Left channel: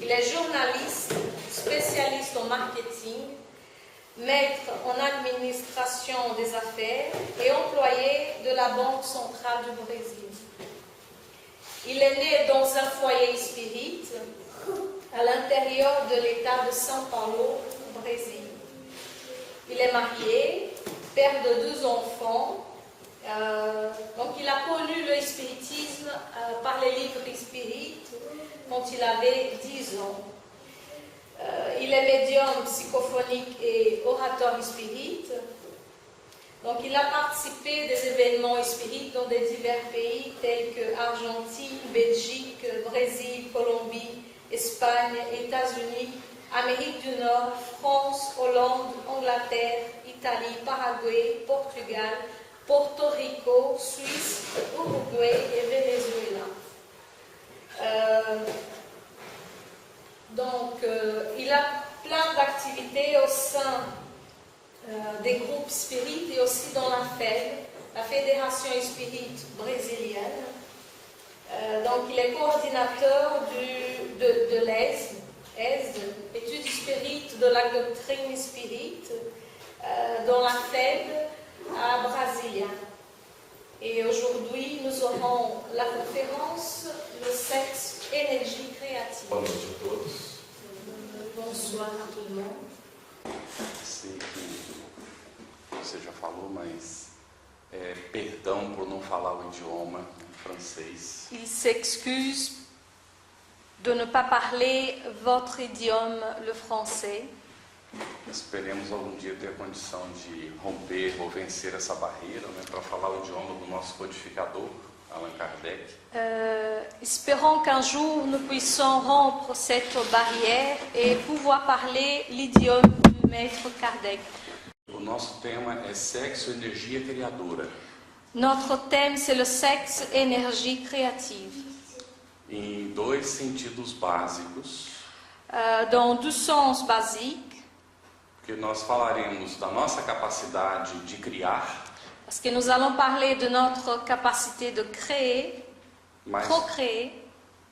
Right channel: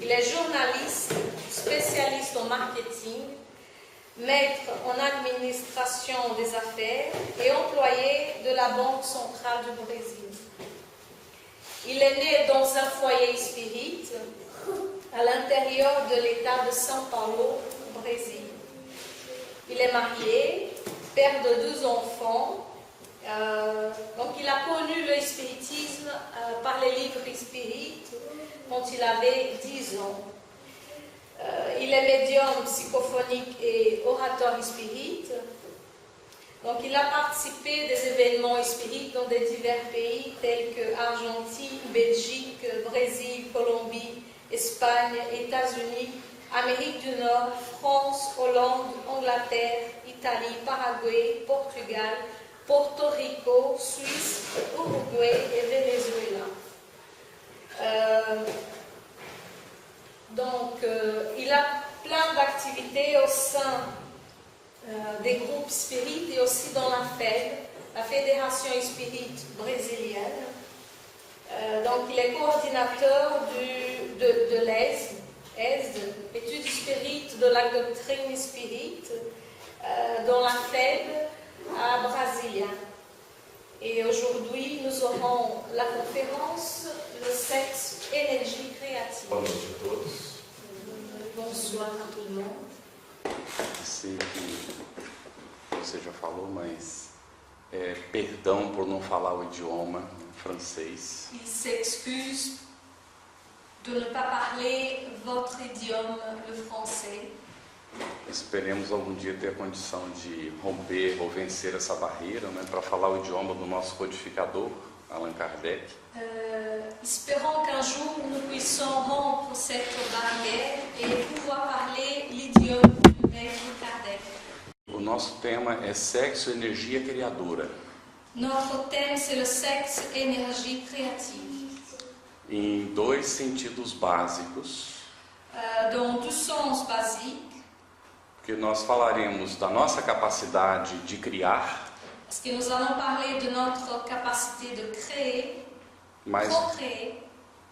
Il est journaliste, spécialiste en marketing, maître en administration des affaires et employé de la Banque centrale du Brésil. Il est né dans un foyer spirit à l'intérieur de l'État de São Paulo, au Brésil. Il est marié, père de 2 enfants. Donc il a connu le spiritisme par les livres spirit quand il avait 10 ans. Il est médium psychophonique et orateur spirit. Donc il a participé des événements spirit dans des divers pays tels que Argentine, Belgique, Brésil, Colombie, Espagne, États-Unis, Amérique du Nord, France, Hollande, Angleterre, Italie, Paraguay, Portugal, Porto Rico, Suisse, Uruguay et Venezuela. Il a plein d'activités au sein des groupes spirit et aussi dans la FED, la Fédération Spirit brésilienne. Il est coordinateur de l'ESD, études spirit de la doctrine spirit, dans la FED à Brasilia. Et aujourd'hui, nous aurons la conférence Le sexe, énergie créative. Boa noite a todos. Bonsoir a tout le monde. Sei que você já falou, mas perdão por não falar o idioma francês. Il s'excuse de ne pas parler votre idiome, le français. Esperemos algum dia ter a condição de romper ou vencer essa barreira, né, para falar o idioma do nosso codificador, Allan Kardec. Espérons qu'un jour nous puissions rompre cette barrière et pouvoir parler l'idiome du maître Kardec. O nosso tema é sexo, energia criadora. Notre thème, c'est le sexe, énergie créative. Em 2 sentidos básicos. Dans 2 sens basiques. Porque nós falaremos da nossa capacidade de criar. Parce que nous allons parler de notre capacité de créer, procréer.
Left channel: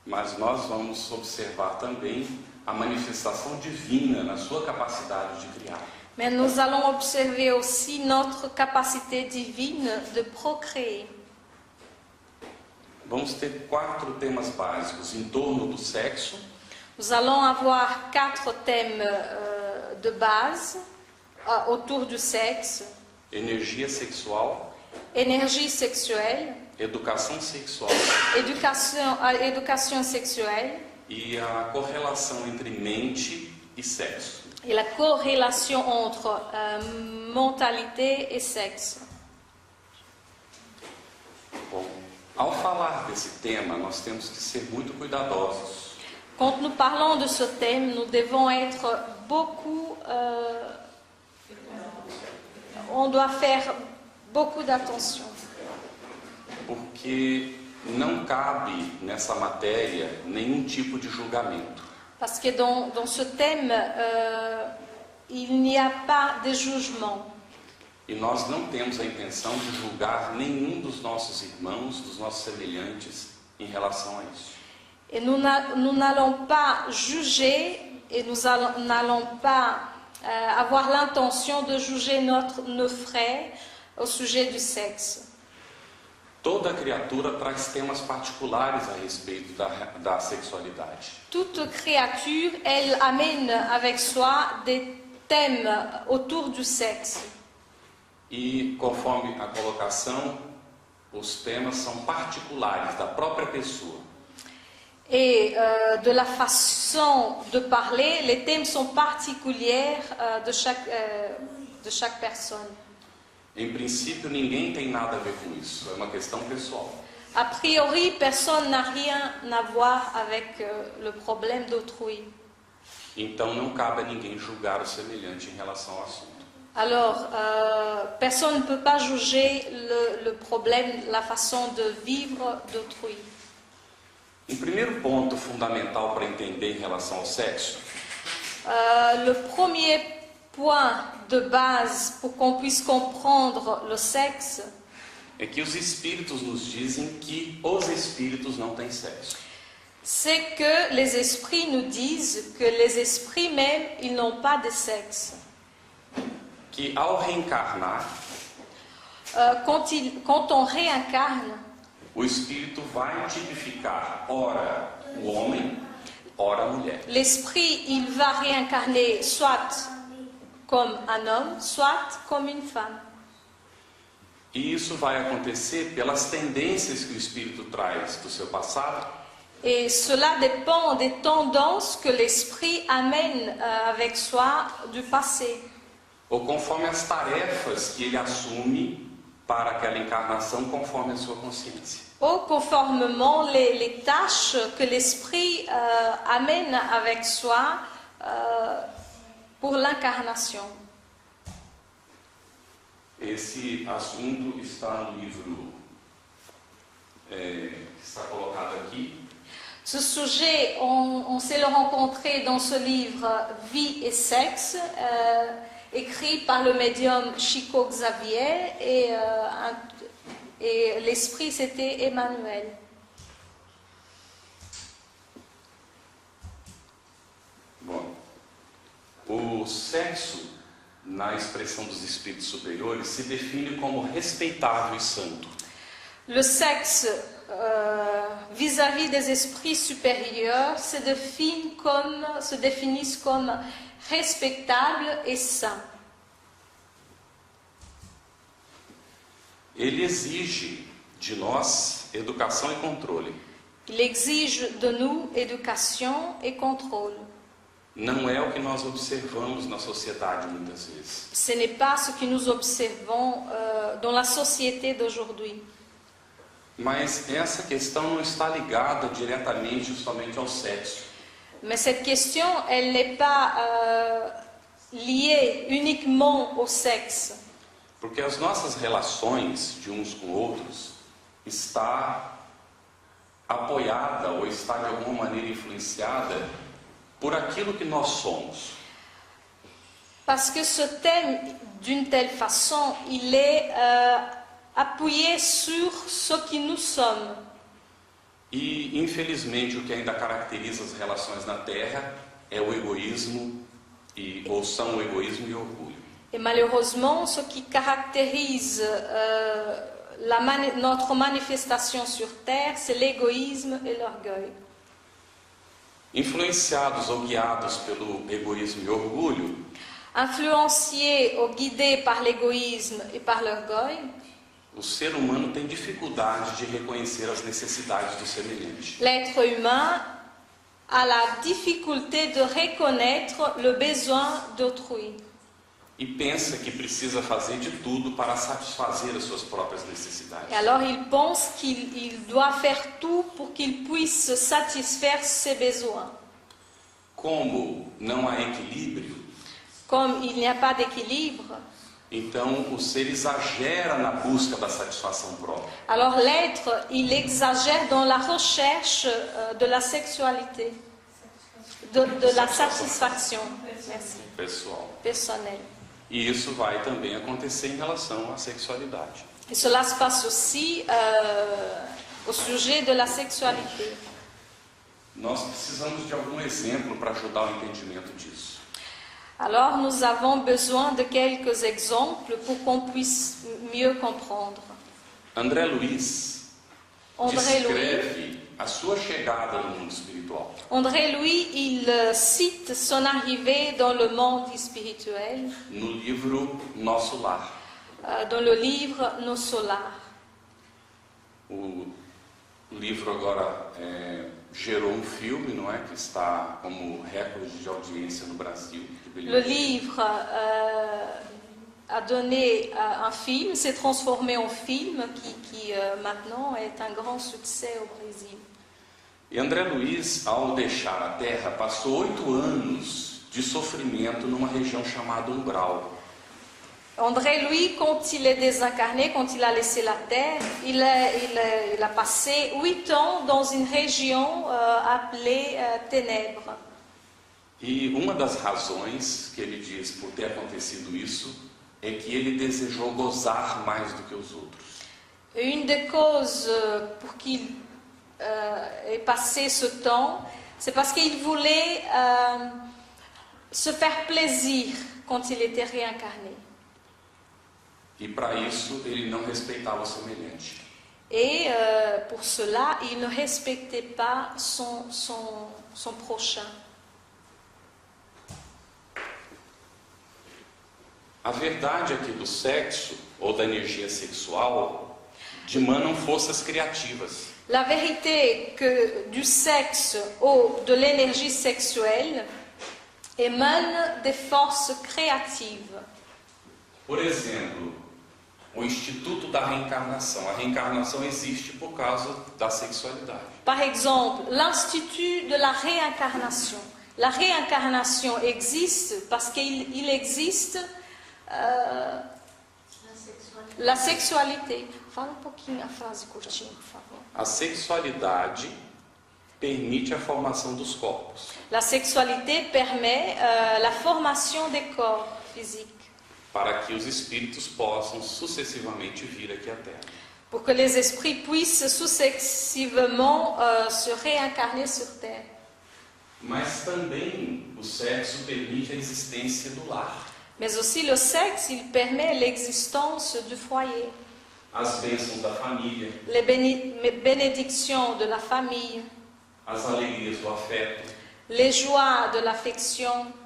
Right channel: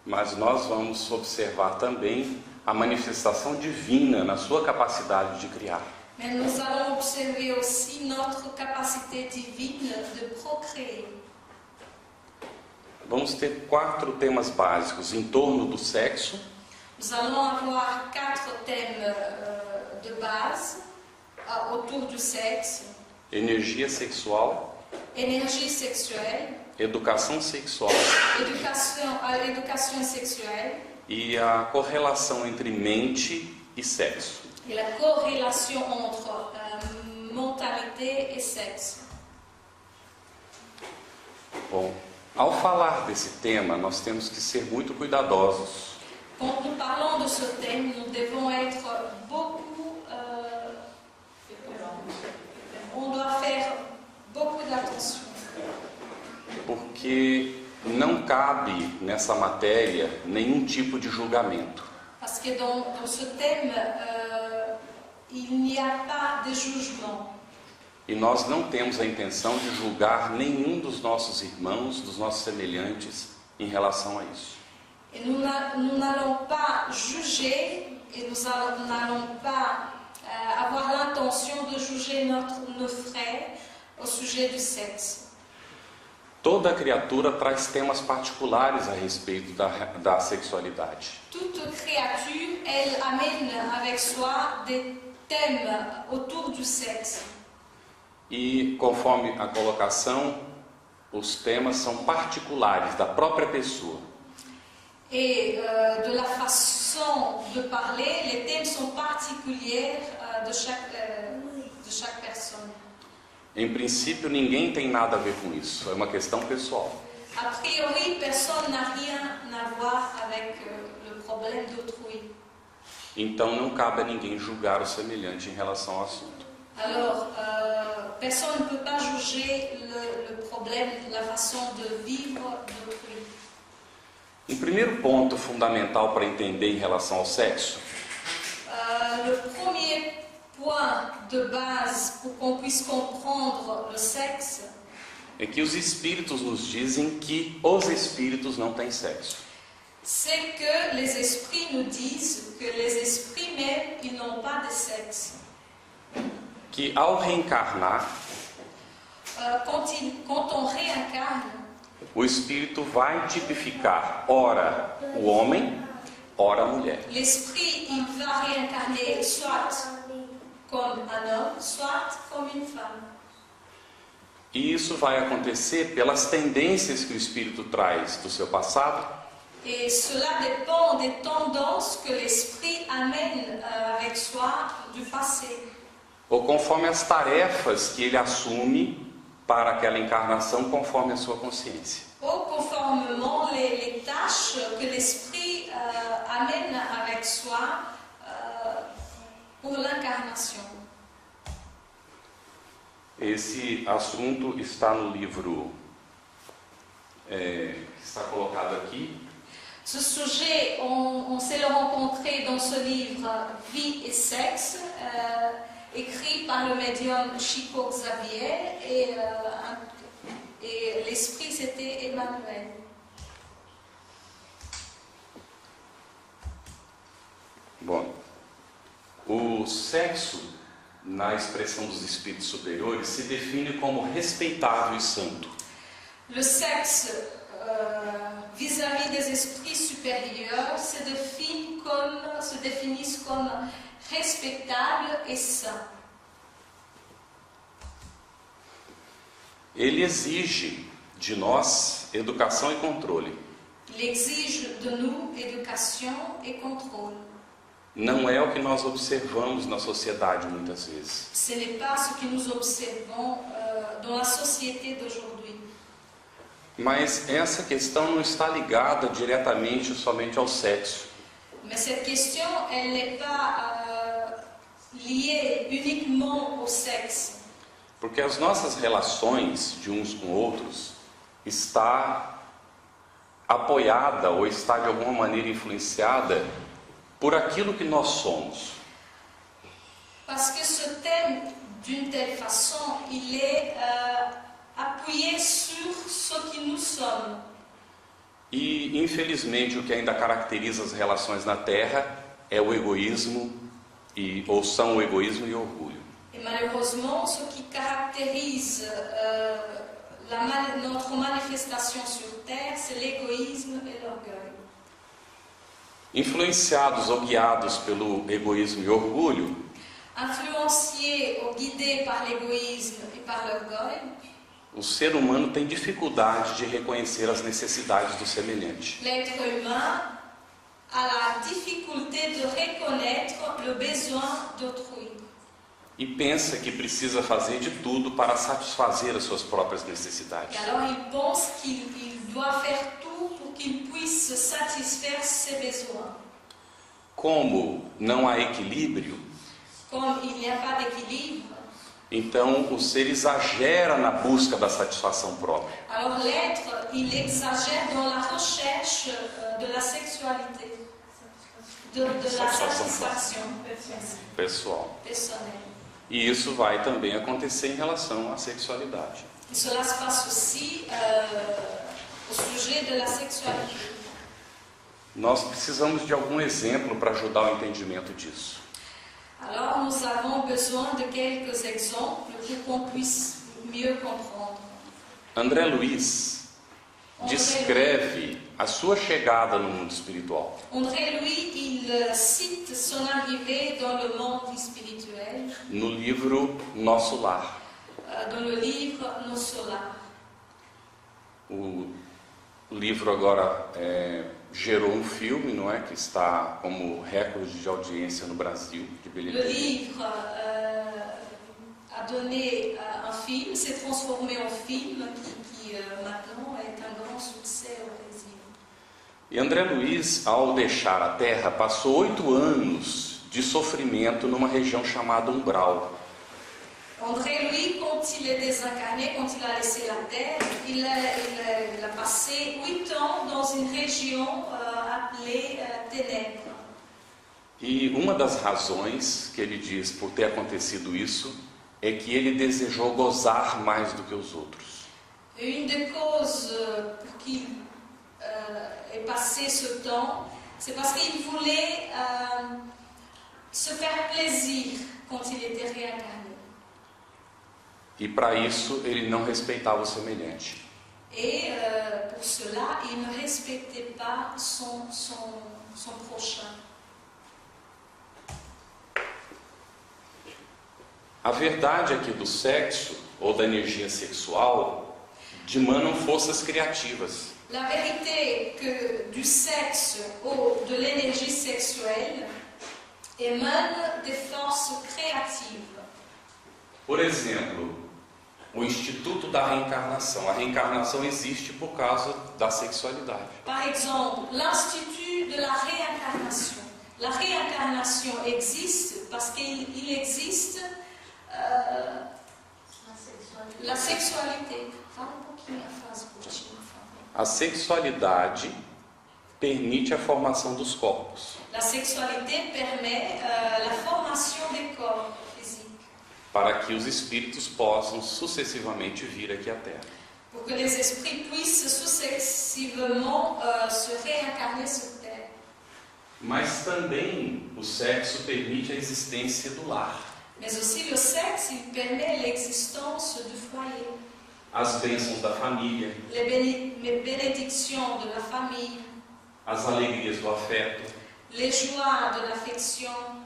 Mas nós vamos observar também a manifestação divina na sua capacidade de criar. Mais nous allons observer aussi notre capacité divine de procréer. Vamos ter 4 temas básicos em torno do sexo. Nous allons avoir 4 thèmes de base autour du sexe. Energia sexual. Énergie sexuelle. Educação sexual. Éducation sexuelle. E a correlação entre mente e sexo. Et la corrélation entre mentalité et sexe. Bom, ao falar desse tema, nós temos que ser muito cuidadosos. Quand nous parlons de ce thème, nous devons être beaucoup... on doit faire beaucoup d'attention. Porque não cabe nessa matéria nenhum tipo de julgamento. Parce que dans ce thème, il n'y a pas de jugement. E nós não temos a intenção de julgar nenhum dos nossos irmãos, dos nossos semelhantes, em relação a isso. Et nous n'allons pas juger et nous n'allons pas avoir l'intention de juger nos frères au sujet du sexe. Toda criatura traz temas particulares a respeito da sexualidade. Toute créature, elle amène avec soi des thèmes autour du sexe. E conforme a colocação, os temas são particulares da própria pessoa. Et de la façon de parler, les thèmes sont particuliers de chaque personne. Em princípio, ninguém tem nada a ver com isso, é uma questão pessoal. A priori, personne n'a rien à voir avec le problème d'autrui. Então, não cabe a ninguém julgar o semelhante em relação ao assunto. Alors, personne ne peut pas juger le problème, la façon de vivre d'autrui. Um primeiro ponto fundamental para entender em relação ao sexo. Le premier point de base pour qu'on puisse comprendre le sexe. É que os espíritos nos dizem que os espíritos não têm sexo. c'est que les esprits nous disent que les esprits même, ils n'ont pas de sexe. Que ao reencarnar, Quand on réincarne, o espírito vai tipificar ora o homem, ora a mulher. l'esprit, il va réincarner soit comme un homme, soit comme une femme. E isso vai acontecer pelas tendências que o espírito traz do seu passado, Et cela dépend des tendances que l'esprit amène avec soi du passé, ou conforme as tarefas que ele assume para aquela encarnação, conforme a sua consciência. ou conformément les tâches que l'esprit amène avec soi pour l'incarnation. Esse assunto está no livro que está colocado aqui. Ce sujet, on sait le rencontrer dans ce livre Vie et sexe, écrit par le médium Chico Xavier, et l'esprit c'était Emmanuel. Bom, o sexo, na expressão dos espíritos superiores, se define como respeitável e santo. Le sexe vis-à-vis des esprits supérieurs se définissent comme respectable et saint. Ele exige de nós educação e controle. Il exige de nous éducation et contrôle. Não é o que nós observamos na sociedade muitas vezes. Ce n'est pas ce que nous observons dans la société d'aujourd'hui. Mas essa questão não está ligada diretamente somente ao sexo. Mais cette question, elle n'est pas liée uniquement au sexe. Porque as nossas relações de uns com outros está apoiada ou está de alguma maneira influenciada por aquilo que nós somos. Parce que ce thème, d'une telle façon, il est appuyé sur ce que nous sommes. E, infelizmente, o que ainda caracteriza as relações na Terra é o egoísmo, ou são o egoísmo e o orgulho. Et malheureusement, ce qui caractérise notre manifestation sur Terre, c'est l'égoïsme et l'orgueil. Influenciados ou guiados pelo egoísmo e orgulho, Influenciés ou guidés par l'égoïsme et par l'orgueil, o ser humano tem dificuldade de reconhecer as necessidades do semelhante. l'être humain a la difficulté de reconnaître le besoin d'autrui. E pensa que precisa fazer de tudo para satisfazer as suas próprias necessidades. Et alors il pense qu'il doit faire tout pour qu'il puisse satisfaire ses besoins. Como não há equilíbrio, Comme il n'y a pas d'équilibre, então o ser exagera na busca da satisfação própria. alors l'être, il exagère dans la recherche de la sexualité, de la satisfaction Pessoal. personnelle. E isso vai também acontecer em relação à sexualidade. Et cela se passe aussi au sujet de la sexualité. Nós precisamos de algum exemplo para ajudar o entendimento disso. Alors nous avons besoin de quelques exemples pour qu'on puisse mieux comprendre. André Luiz André descreve a sua chegada no mundo espiritual. André Louis, il cite son arrivée dans le monde spirituel No livro Nosso Lar. dans le livre Nos Solars. O livro agora gerou um filme, não é, que está como recorde de audiência no Brasil, de Le bilheteria. livre a donné un film, s'est transformé en film qui maintenant est un grand succès au Brésil. E André Luiz, ao deixar a Terra, passou 8 anos de sofrimento numa região chamada Umbral. André Louis, quand il est désincarné, quand il a laissé la Terre, il a passé 8 ans dans une région appelée Ténèbres. E uma das razões que ele diz por ter acontecido isso é que ele desejou gozar mais do que os outros. Une des causes pour qu'il ait passé ce temps, c'est parce qu'il voulait se faire plaisir quand il était réincarné. E para isso ele não respeitava o semelhante. Et pour cela, il ne respectait pas son prochain. A verdade é que do sexo ou da energia sexual dimanam forças criativas. La vérité que du sexe ou de l'énergie sexuelle émane des forces créatives. Por exemplo, o Instituto da Reencarnação. A reencarnação existe por causa da sexualidade. Par exemple, l'Institut de la réincarnation. La réincarnation existe parce qu'il existe la sexualité. Fala um pouquinho a frase curtinha, por favor. A sexualidade permite a formação dos corpos. La sexualité permet la formation des corps physiques. Para que os espíritos possam sucessivamente vir aqui à Terra. Pour que les esprits puissent successivement se réincarner sur Terre. Mas também o sexo permite a existência do lar. Mais aussi le sexe, il permet l'existence du foyer. As bênçãos da família. Les bénédictions de la famille. As alegrias do afeto. Les joies de l'affection.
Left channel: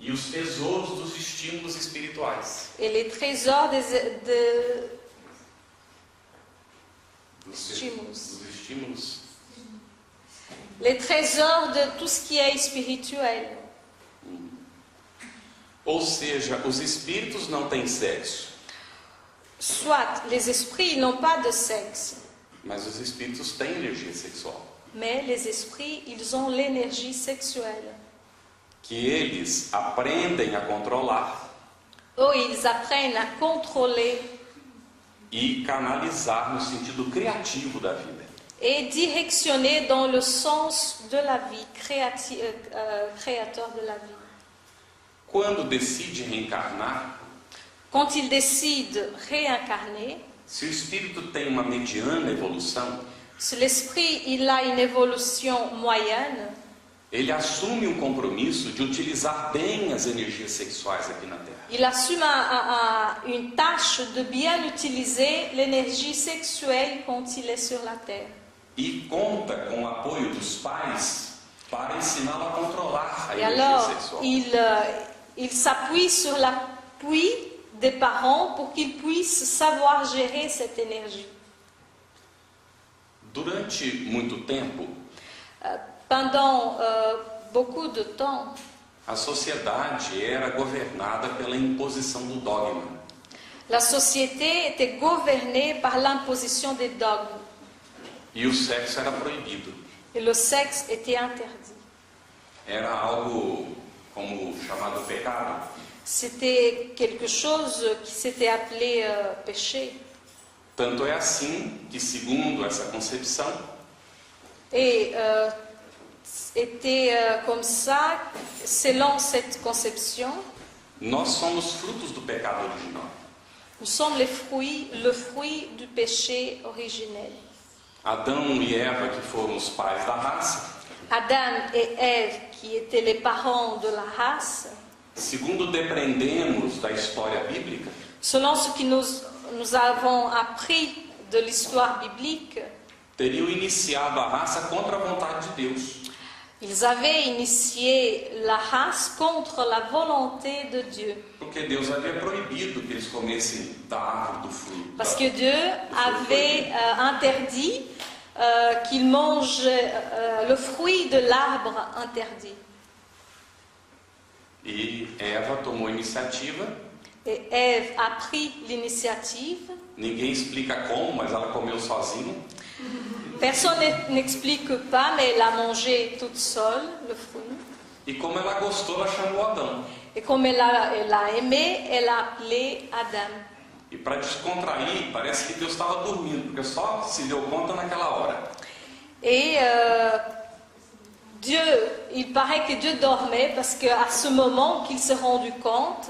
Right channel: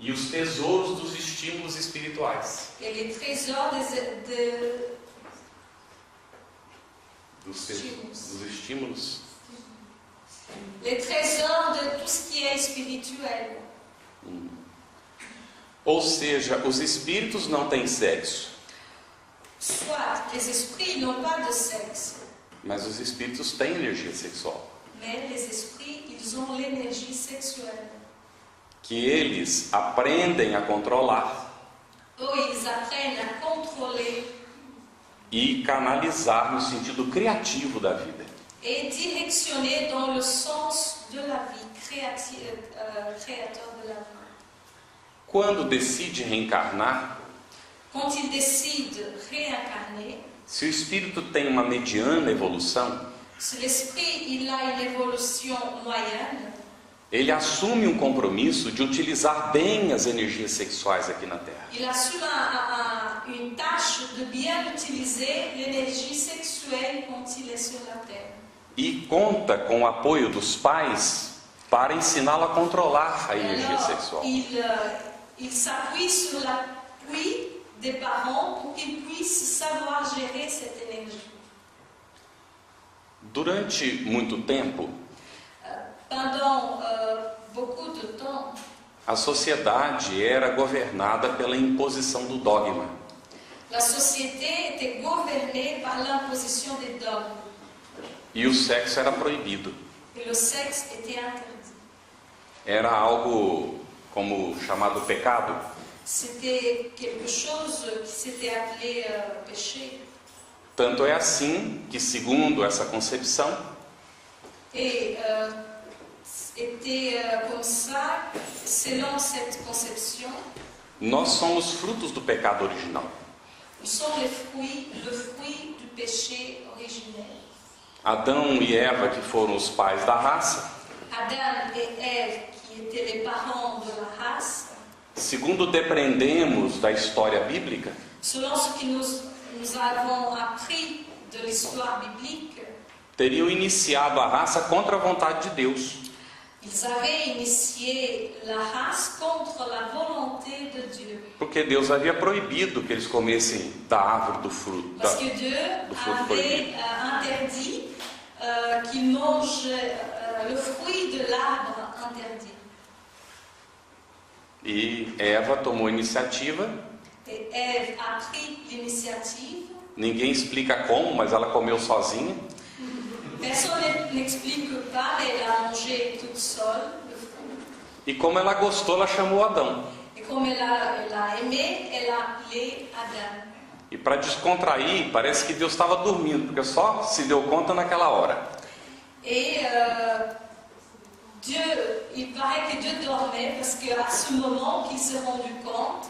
E os tesouros dos estímulos espirituais. Et les trésors Dos estímulos. Les trésors de tout ce qui est spirituel. Ou seja, os espíritos não têm sexo. Soit les esprits n'ont pas de sexe. Mas os espíritos têm energia sexual. Mais les esprits, ils ont l'énergie sexuelle. Que eles aprendem a controlar. Ou ils apprennent à contrôler. E canalizar no sentido criativo da vida. Et directionner dans le sens de la vie, créateur de la vie. Quando decide reencarnar, quand il décide réincarner, se o espírito tem uma mediana evolução, se l'esprit il a une évolution moyenne, ele assume um compromisso de utilizar bem as energias sexuais aqui na Terra. Il assume une tâche de bien utiliser l'énergie sexuelle quand il est sur la Terre. E conta com o apoio dos pais para ensiná-lo a controlar a energia sexual. Il s'appuie sur l'appui des parents pour qu'ils puissent savoir gérer cette énergie. Durante muito tempo, pendant beaucoup de temps, a sociedade era governada pela imposição do dogma. La société était gouvernée par l'imposition des dogmes. E o sexo era proibido. Et le sexe était interdit. Era algo como chamado pecado. C'était quelque chose qui s'était appelé péché. Tanto é assim que, segundo essa concepção, Et était comme ça, selon cette conception, nós somos frutos do pecado original. nous sommes le fruit du péché originel. Adão e Eva, que foram os pais da raça, Adam et Ève, qui étaient les parents de la race, segundo depreendemos da história bíblica, selon ce que nous avons appris de l'histoire biblique, teriam iniciado a raça contra a vontade de Deus. ils avaient initié la race contre la volonté de Dieu. Porque Deus havia proibido que eles comessem da árvore do fruto. Parce que Dieu avait interdit qu'ils mangent le fruit de l'arbre interdit. E Eva tomou a iniciativa. Et Ève a pris l'initiative. Ninguém explica como, mas ela comeu sozinha. Personne n'explique pas, mais elle a mangé toute seule le fruit. E como ela gostou, ela chamou Adão. Et comme elle a aimé, elle a appelé Adam. E para descontrair, parece que Deus estava dormindo, porque só se deu conta naquela hora. Et il paraît que Dieu dormait parce qu'à ce moment qu'il s'est rendu compte,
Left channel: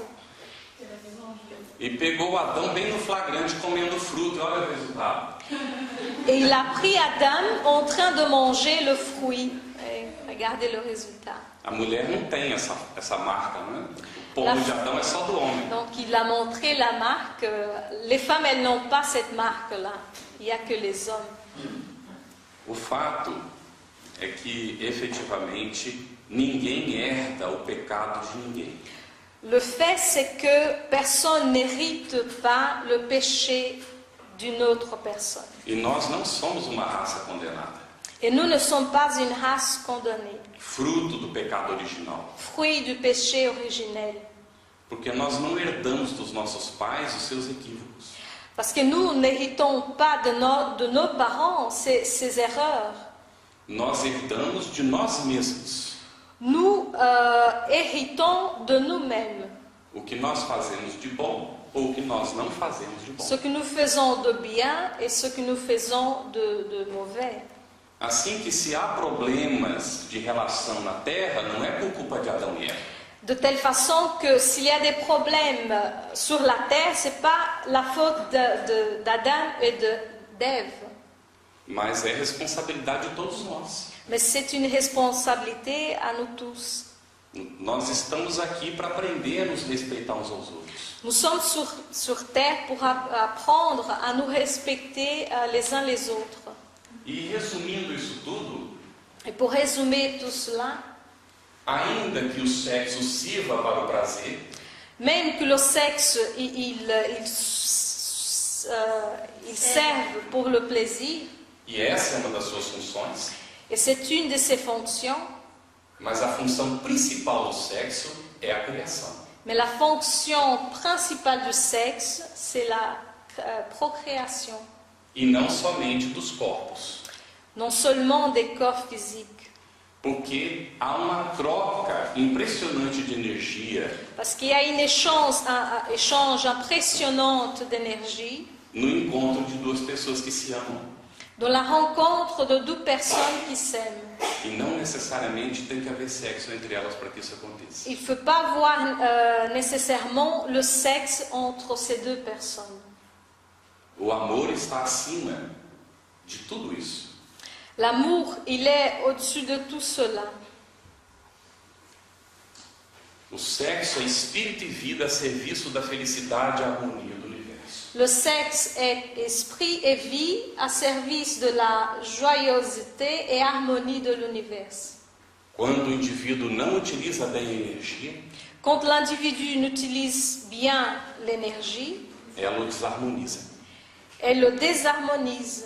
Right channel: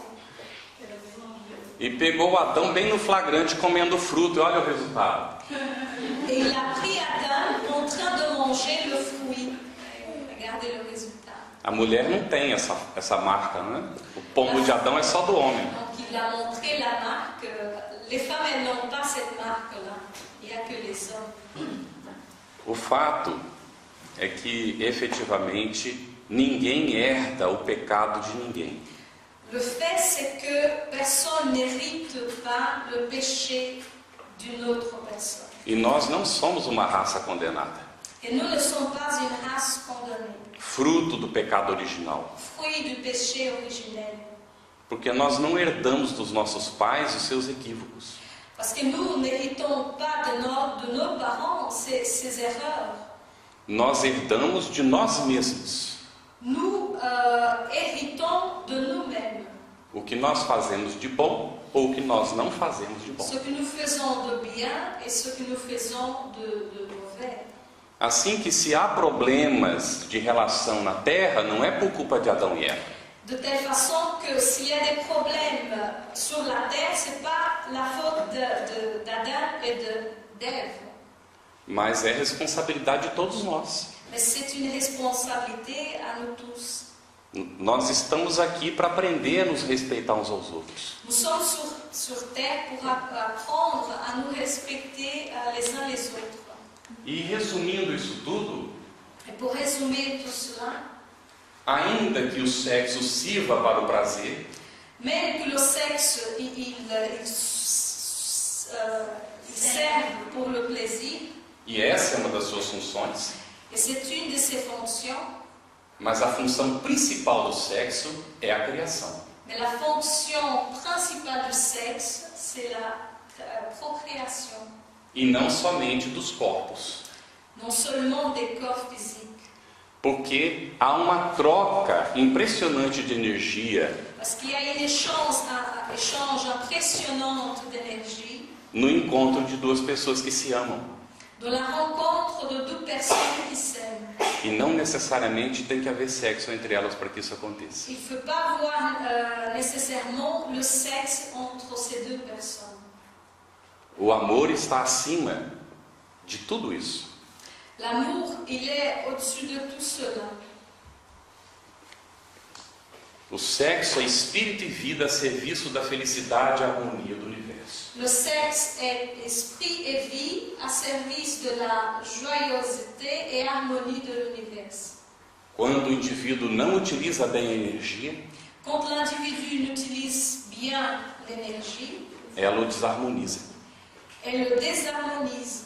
E pegou Adão bem no flagrante comendo fruto, e olha o resultado. Et il a pris Adam en train de manger le fruit. Et regardez le résultat. A mulher não tem essa marca, né? O pombo de Adão é só do homem. Donc il a montré la marque. Les femmes, elles n'ont pas cette marque-là. Il n'y a que les hommes. O fato é que, efetivamente, ninguém herda o pecado de ninguém. Le fait, c'est que personne n'hérite pas le péché d'une autre personne. E nós não somos uma raça condenada. Et nous ne sommes pas une race condamnée, Fruto do pecado original. fruit du péché originel. Porque nós não herdamos dos nossos pais os seus equívocos. Parce que nous n'héritons pas de nos parents ces erreurs. Nós herdamos de nós mesmos. Nous héritons de nous-mêmes. O que nós fazemos de bom ou o que nós não fazemos de bom. Ce que nous faisons de bien et ce que nous faisons de mauvais. Assim que se há problemas de relação na Terra, não é por culpa de Adão e Eva. De telle façon que s'il y a des problèmes sur la terre, c'est pas la faute d'Adam et d'Ève. Mas é responsabilidade de todos nós. Mais c'est une responsabilité à nous tous. Nós estamos aqui para aprender a nos respeitar uns aos outros. Nous sommes sur terre pour apprendre à nous respecter les uns les autres. E resumindo isso tudo, Et pour résumer tout cela, ainda que o sexo sirva para o prazer, même que le sexe il serve pour le plaisir, e essa é uma das suas funções, et c'est une de ses fonctions, mas a função principal do sexo é a criação. mais la fonction principale du sexe, c'est la procréation. E não somente dos corpos. Non seulement des corps physiques. Porque há uma troca impressionante de energia Parce qu'il y a une échange impressionnante d'énergie no encontro de duas pessoas que se amam. dans la rencontre de deux personnes qui s'aiment. E não necessariamente tem que haver sexo entre elas para que isso aconteça. Il ne faut pas voir nécessairement le sexe entre ces deux personnes. O amor está acima de tudo isso. L'amour, il est au-dessus de tout cela. O sexo é espírito e vida a serviço da felicidade e harmonia do universo. Le sexe est esprit et vie à service de la joyeuseté et harmonie de l'univers. Quando o indivíduo não utiliza bem a energia, Quand l'individu n'utilise bien l'énergie, ela o desarmoniza. elle le désharmonise.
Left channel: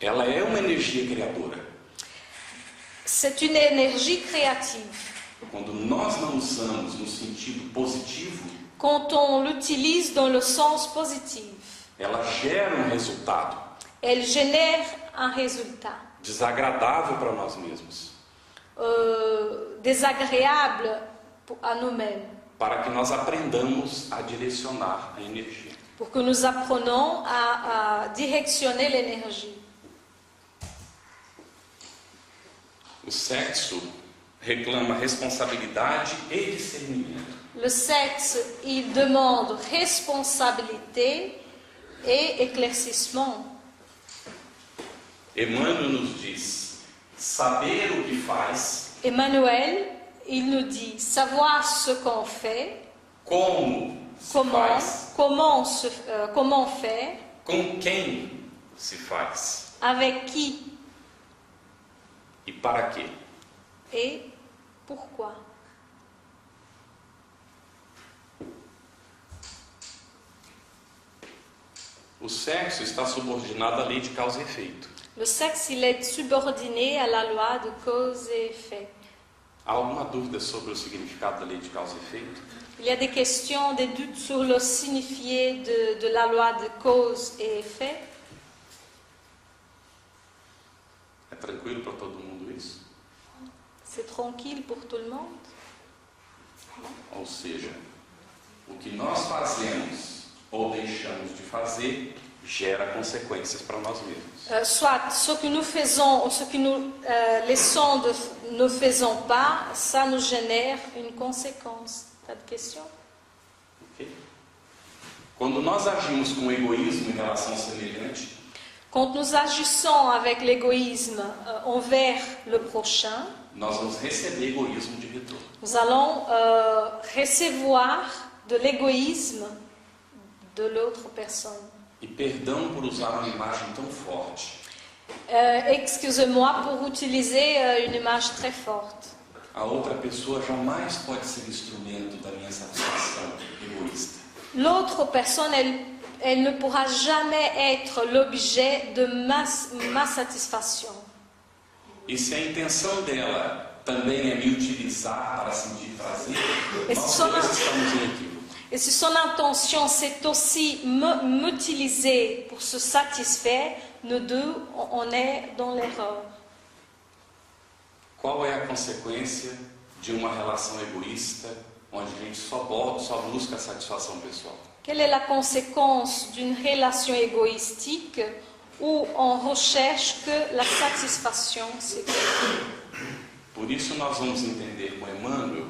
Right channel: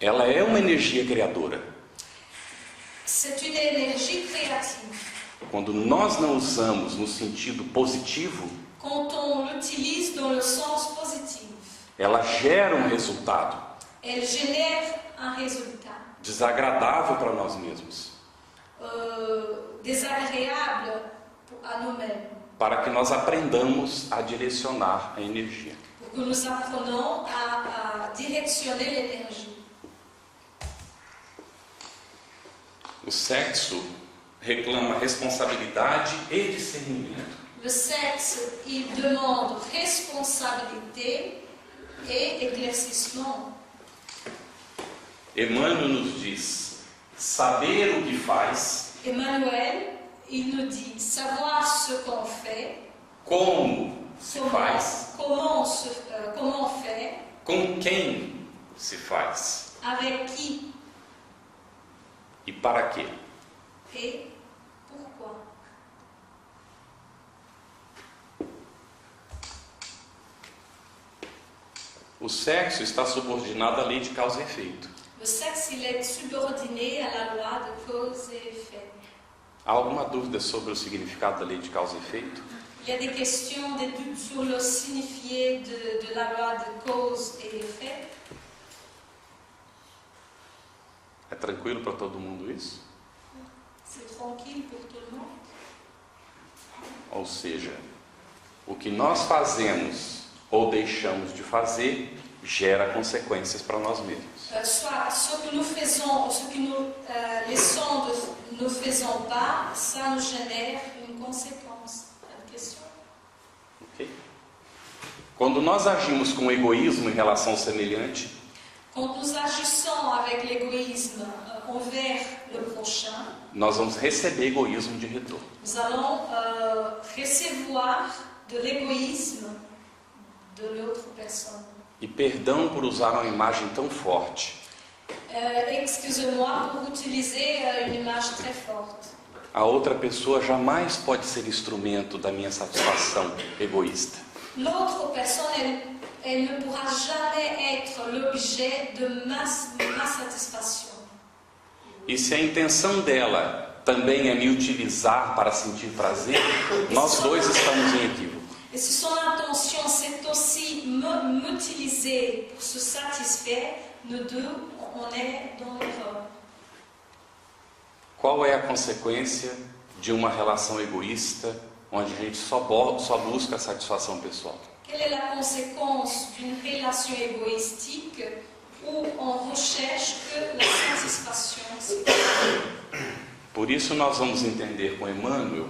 Ela é uma energia criadora. C'est une énergie créative. Quando nós não usamos no sentido positivo, Quand on l'utilise dans le sens positif, ela gera um resultado elle génère un résultat desagradável para nós mesmos, désagréable à nous-mêmes, para que nós aprendamos a direcionar a energia. pour que nous apprenions à directionner l'énergie. O sexo reclama responsabilidade e discernimento. Le sexe, il demande responsabilité et éclaircissement. Emmanuel nos diz: saber o que faz, Emmanuel, il nous dit savoir ce qu'on fait, como se faz, comment faire, com quem se faz avec qui e para quê. et pourquoi. O sexo está subordinado à lei de causa e efeito. Le sexe, il est subordonné à la loi de cause et effet. Há alguma dúvida sobre o significado da lei de causa e efeito? Il y a des questions, des doutes sur le signifié de la loi de cause et effet. É tranquilo para todo mundo isso? C'est tranquille pour tout le monde. Ou seja, o que nós fazemos ou deixamos de fazer gera consequências para nós mesmos. Soit ce que nous faisons, ce que nous laissons ne faisons pas, ça nous génère une conséquence. Pas de question? Ok? Quando nós agimos com egoísmo em relação ao semelhante, Quand nous agissons avec l'égoïsme envers le prochain, nós vamos receber egoísmo de retorno. nous allons recevoir de l'égoïsme de l'autre personne. E perdão por usar uma imagem tão forte. Excusez-moi pour utiliser une image très forte. A outra pessoa jamais pode ser instrumento da minha satisfação egoísta. L'autre personne, elle ne pourra jamais être l'objet de ma satisfaction. E se a intenção dela também é me utilizar para sentir prazer, nós dois estamos em equívoco. Et si son intention c'est aussi m'utiliser pour se satisfaire, nous deux, on est dans l'erreur. Qual é a consequência de uma relação egoísta, onde a gente só busca a satisfação pessoal? Quelle est la conséquence d'une relation égoïstique où on recherche que la satisfaction sexuelle? Por isso nós vamos entender com Emmanuel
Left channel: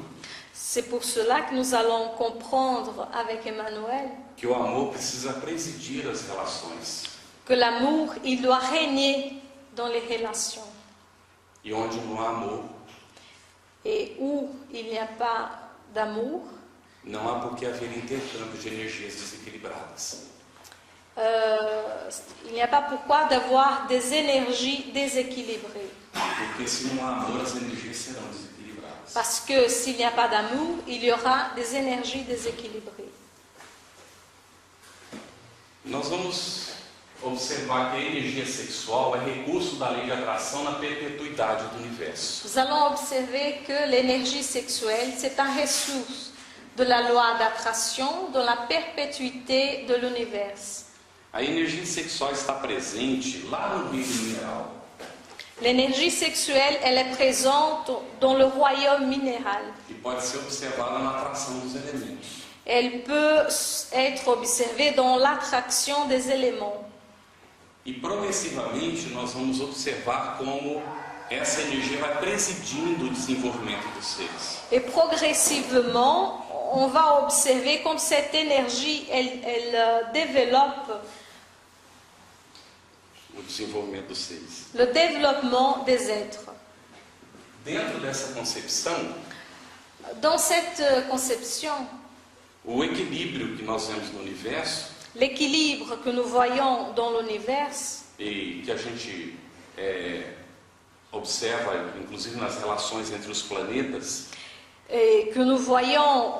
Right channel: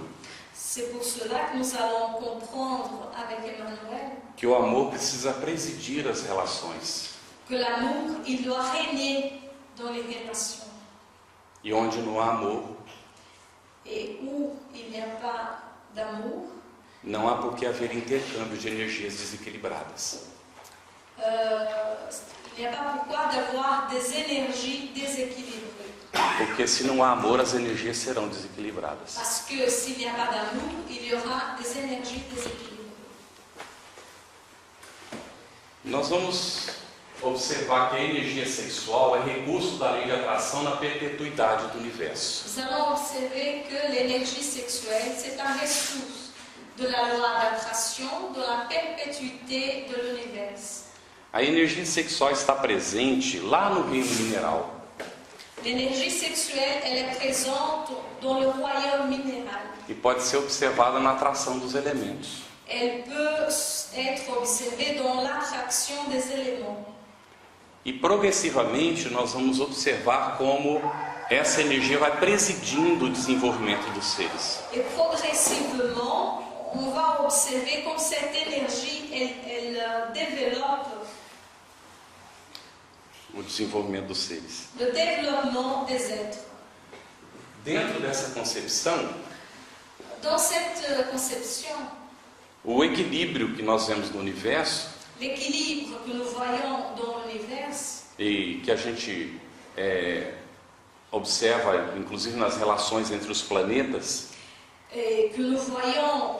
C'est pour cela que nous allons comprendre avec Emmanuel que o amor precisa presidir as relações. que l'amour, il doit régner dans les relations. E onde não há amor, Et où il n'y a pas d'amour, não há por que haver intercâmbio de energias desequilibradas. il n'y a pas pourquoi d'avoir des énergies déséquilibrées. Porque se não há amor, as energias serão desequilibradas. Parce que s'il n'y a pas d'amour, il y aura des énergies déséquilibrées. Nós vamos observar que a energia sexual é recurso da lei de atração na perpetuidade do universo. Nous allons observer que l'énergie sexuelle, c'est un ressource de la loi d'attraction, de la perpétuité de l'univers. A energia sexual está presente lá no reino mineral. L'énergie sexuelle, elle est présente dans le royaume minéral. E pode ser observada na atração dos elementos. Elle peut être observée dans l'attraction des éléments. E progressivamente nós vamos observar como essa energia vai presidindo o desenvolvimento dos seres. Et progressivement, on va observer comme cette énergie, elle développe O desenvolvimento dos seres. le développement des êtres. Dentro dessa concepção, Dans cette conception, o equilíbrio que nós vemos no universo l'équilibre que nous voyons dans l'univers, e que a gente observa, inclusive nas relações entre os planetas, et que nous voyons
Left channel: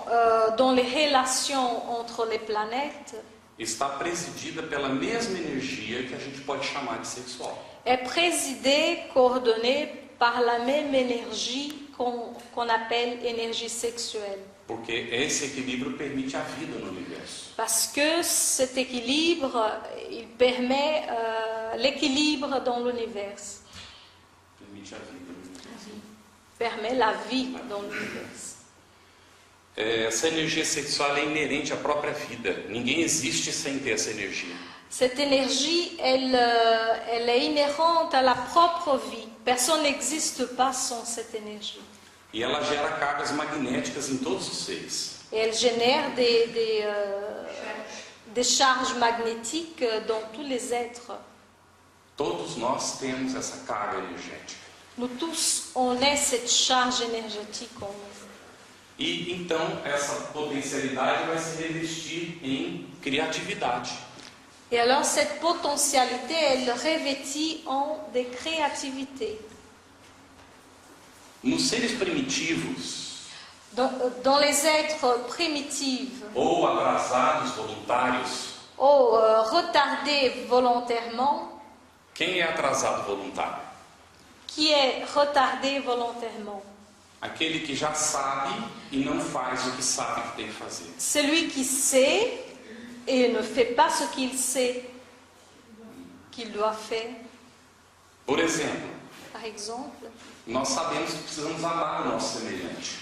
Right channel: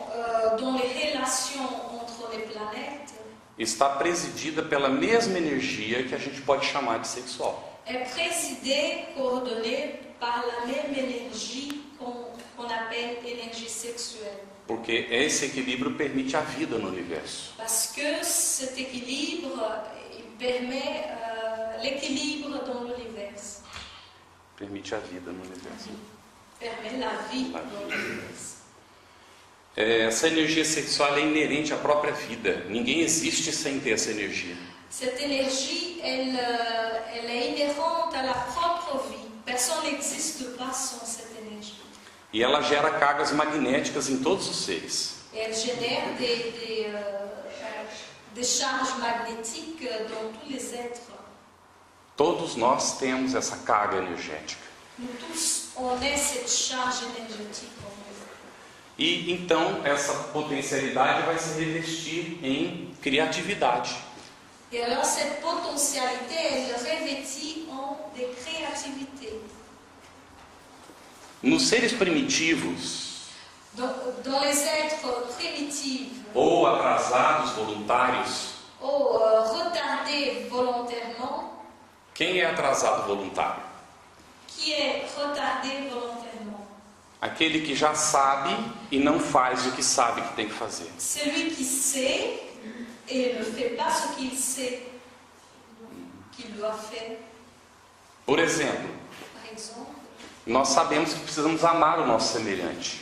dans les relations entre les planètes, está presidida pela mesma energia que a gente pode chamar de sexual. est présidée, coordonnée par la même énergie qu'on appelle énergie sexuelle. Porque esse equilíbrio permite a vida no universo. Parce que cet équilibre, il permet l'équilibre dans l'univers, Permite a vida no universo. permet la vie dans l'univers. Essa energia sexual é inerente à própria vida. Ninguém existe sem ter essa energia. Cette énergie, elle est inhérente à la propre vie. Personne n'existe pas sans cette énergie. E ela gera cargas magnéticas em todos os seres. Et elle génère des charges magnétiques dans tous les êtres. Todos nós temos essa carga energética. Nous tous, on a cette charge énergétique en nous. E então essa potencialidade vai se revestir em criatividade. Et alors cette potentialité, elle revêtit en des créativités. Nos seres primitivos, Dans les êtres primitifs ou atrasados voluntários, ou retardés volontairement, quem é atrasado voluntário? qui est retardé volontairement? Aquele que já sabe e não faz o que sabe que tem que fazer. Celui qui sait et ne fait pas ce qu'il sait qu'il doit faire. Por exemplo, Par exemple, nós sabemos que precisamos amar o nosso semelhante.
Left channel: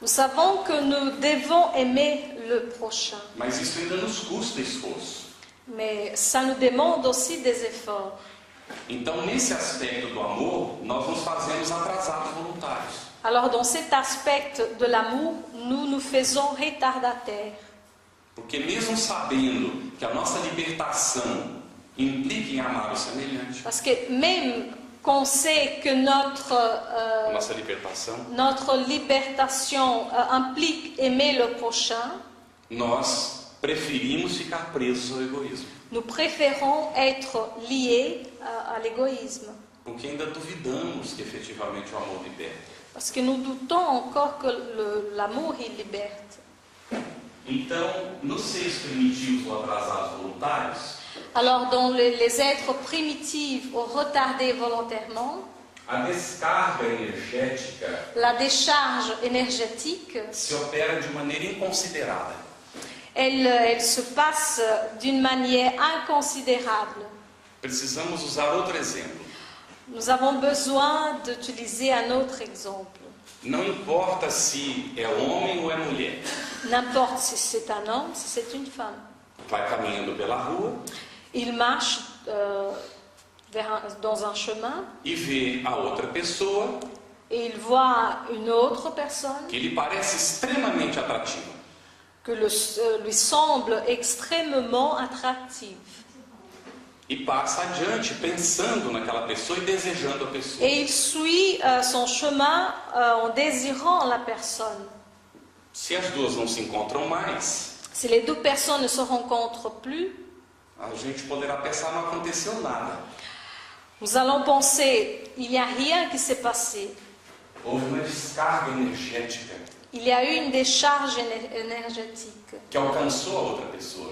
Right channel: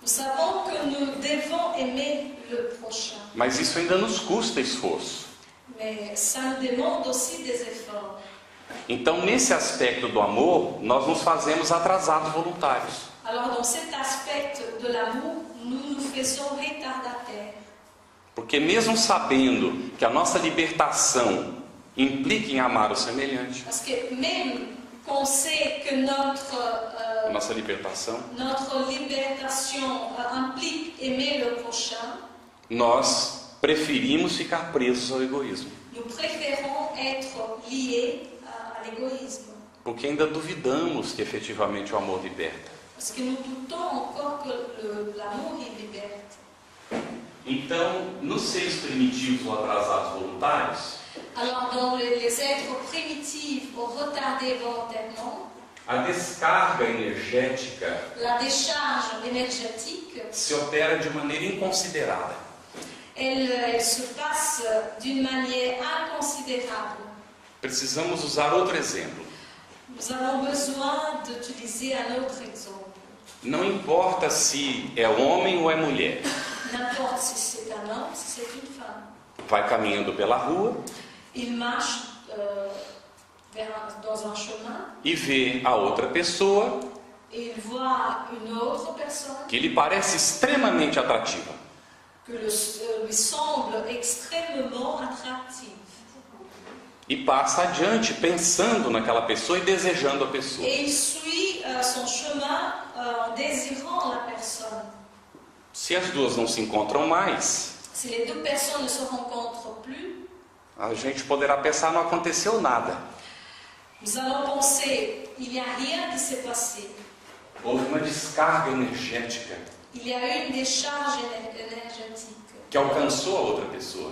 nous savons que nous devons aimer le prochain, Mas isso ainda nos custa esforço. mais ça nous demande aussi des efforts. Então, nesse aspecto do amor, nós nos fazemos atrasados voluntários. Alors dans cet aspect de l'amour, nous nous faisons retardataires. Porque mesmo sabendo que a nossa libertação implica em amar o semelhante. Parce que même qu'on sait que Nossa libertação, notre libertation implique aimer le prochain, nós preferimos ficar presos ao egoísmo. nous préférons être liés à l'égoïsme. Porque ainda duvidamos que efetivamente o amor liberta. Parce que nous doutons encore que l'amour, il liberte. Então, nos seres primitivos ou atrasados voluntários, Alors, dans les êtres primitifs ou retardés volontairement, a descarga energética la décharge énergétique, se opera de maneira inconsiderada. elle se passe d'une manière inconsidérable. Precisamos usar outro exemplo. Nous avons besoin d'utiliser un autre exemple. Não importa se é homem ou é mulher. N'importe si c'est un homme, si c'est une femme. Vai caminhando pela rua Il marche dans un chemin e vê a outra pessoa et il voit une autre personne que lhe parece extremamente atrativa. que lui semble extrêmement attractive. E passa adiante pensando naquela pessoa e desejando a pessoa. Et il suit son chemin en désirant la personne. Se as duas não se encontram mais, Si les deux personnes ne se rencontrent plus, a gente poderá pensar, não aconteceu nada. nous allons penser, il n'y a rien qui s'est passé. Houve uma descarga energética Il y a eu une décharge énergétique que alcançou a outra pessoa.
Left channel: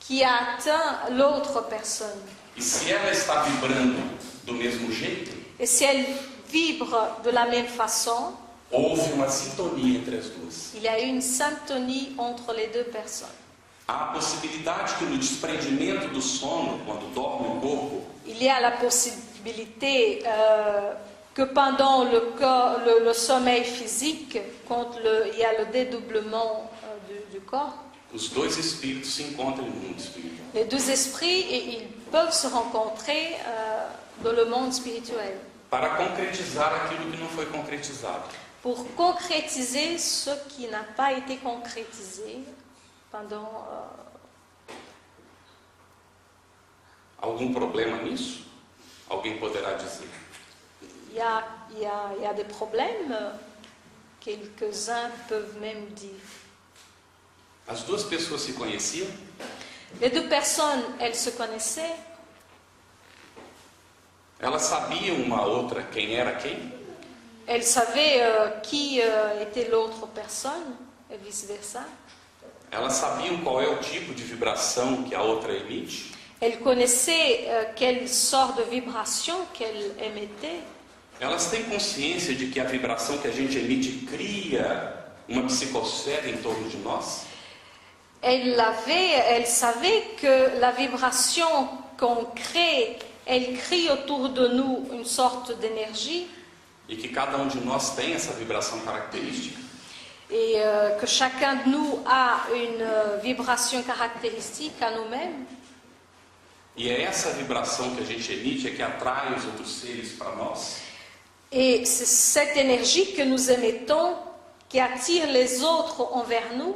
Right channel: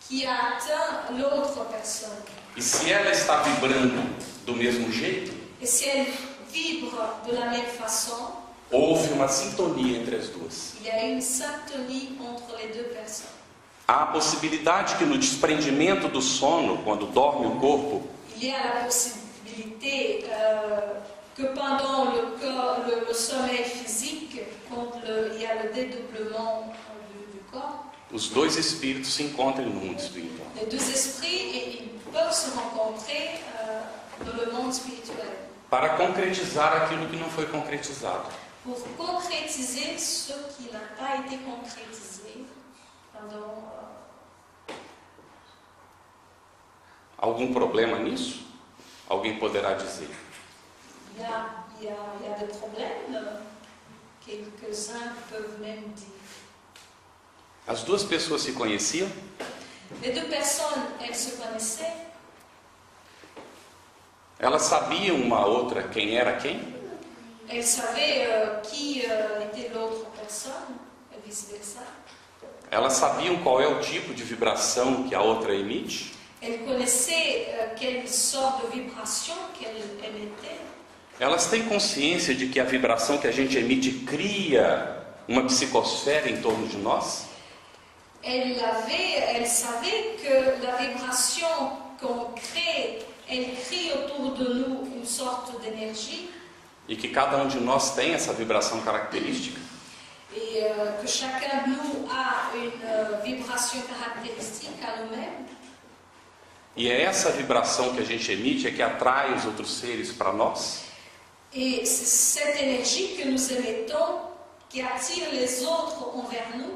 qui a atteint l'autre personne. E se ela está vibrando do mesmo jeito, Et si elle vibre de la même façon, houve uma sintonia entre as duas. il y a eu une syntonie entre les deux personnes. Há a possibilidade que no desprendimento do sono, quando dorme o corpo, Il y a la possibilité que pendant le sommeil physique, quand il y a le dédoublement du corps, os dois espíritos se encontrem no mundo espiritual. les deux esprits ils peuvent se rencontrer dans le monde spirituel Para concretizar aquilo que não foi concretizado. pour concrétiser ce qui n'a pas été concrétisé pendant. Algum problema nisso? Alguém poderá dizer. Il y a des problèmes, quelques-uns peuvent même dire. As duas pessoas se conheciam? Les deux personnes, elles se connaissaient, Elas sabiam uma outra quem era quem? elles savaient qui était l'autre personne, et vice-versa. Elas sabiam qual é o tipo de vibração que a outra emite? Elles connaissaient quelle sorte de vibration qu'elle émettait. Elas têm consciência de que a vibração que a gente emite cria uma psicosfera em torno de nós? Elle savait que la vibration qu'on crée, elle crée autour de nous une sorte d'énergie E que cada um de nós tem essa vibração característica? et que chacun de nous a une vibration caractéristique à nous-mêmes. E é essa vibração que a gente emite é que atrai os outros seres para nós? Et c'est cette énergie que nous émettons qui attire les autres envers nous.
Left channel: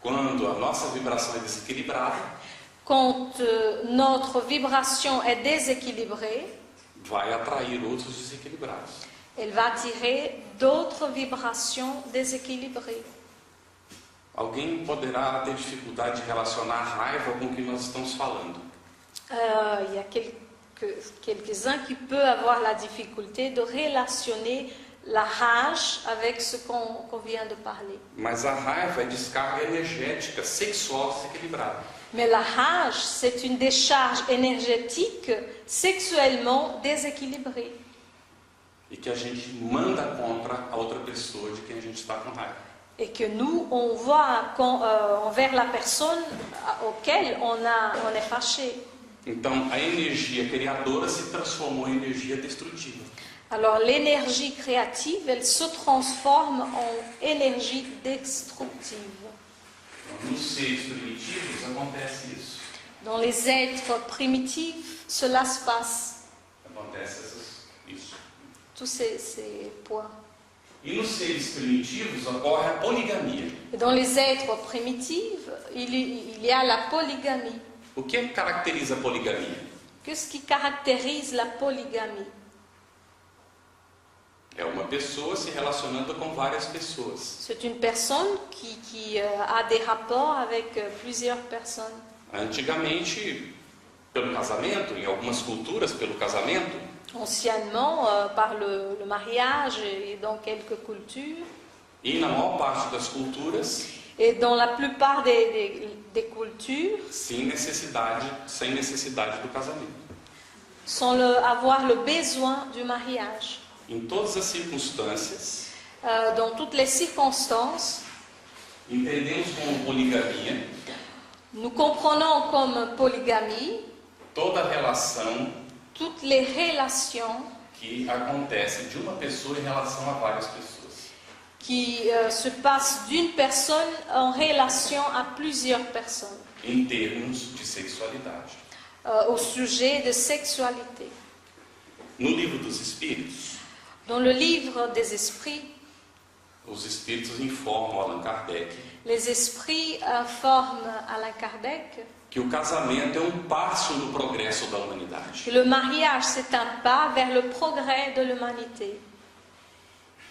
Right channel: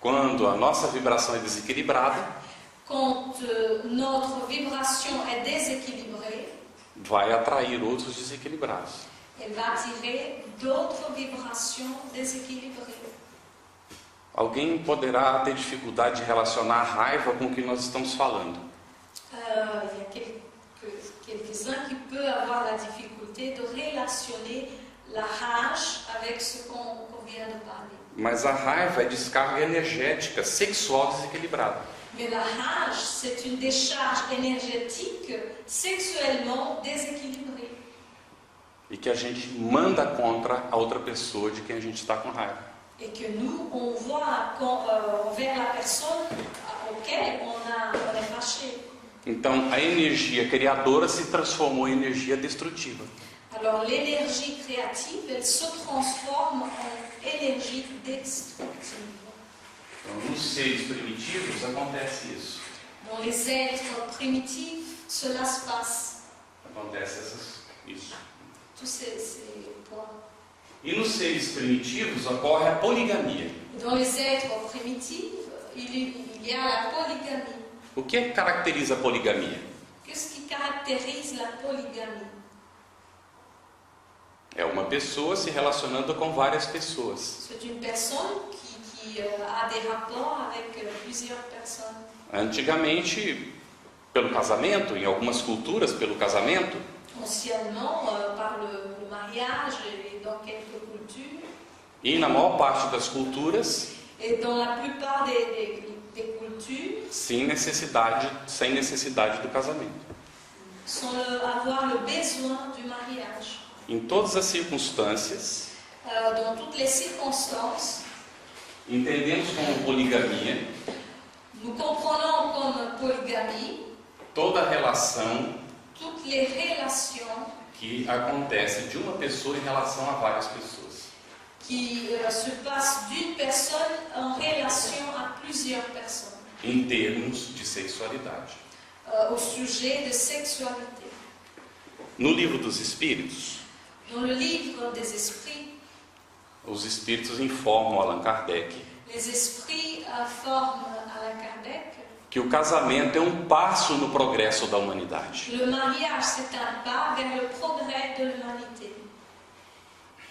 Quando a nossa vibração é desequilibrada, Quand notre vibration est déséquilibrée, vai atrair outros desequilibrados. elle va attirer d'autres vibrations déséquilibrées. Alguém poderá ter dificuldade de relacionar a raiva com o que nós estamos falando. Il y a quelques-uns qui peuvent avoir la difficulté de relationner la rage avec ce qu'on vient de parler. Mas a raiva é descarga energética sexual desequilibrada. Mais la rage, c'est une décharge énergétique sexuellement déséquilibrée. E que a gente manda contra a outra pessoa de quem a gente está com raiva. Et que nous, on voit envers la personne auquel on est fâché. Então, a energia criadora se transformou em energia destrutiva. Alors l'énergie créative, elle se transforme en énergie destructive. Então, nos seres primitivos acontece isso. Dans les êtres primitifs, cela se passe. Acontece isso. Tous ces points. E nos seres primitivos ocorre a poligamia. Et dans les êtres primitifs, il y a la polygamie. O que caracteriza a poligamia? Qu'est-ce qui caractérise la polygamie? É uma pessoa se relacionando com várias pessoas. C'est une personne qui a des rapports avec plusieurs personnes. Antigamente, pelo casamento, em algumas culturas, pelo casamento. Anciennement, par le mariage et dans quelques cultures. E na maior parte das culturas, Et dans la plupart des cultures, sem necessidade do casamento. sans avoir le besoin du mariage. Em todas as circunstâncias, Dans toutes les circonstances, entendemos como poligamia nous comprenons comme polygamie toda relação toutes les relations que acontece de uma pessoa em relação a várias pessoas. qui se passent d'une personne en relation à plusieurs personnes, Em termos de sexualidade. au sujet de sexualité. No livro dos Espíritos, Dans le livre des esprits, os Espíritos informam Allan Kardec les esprits informent Allan Kardec que o casamento é um passo no progresso da humanidade. que le mariage c'est un pas vers le progrès de l'humanité.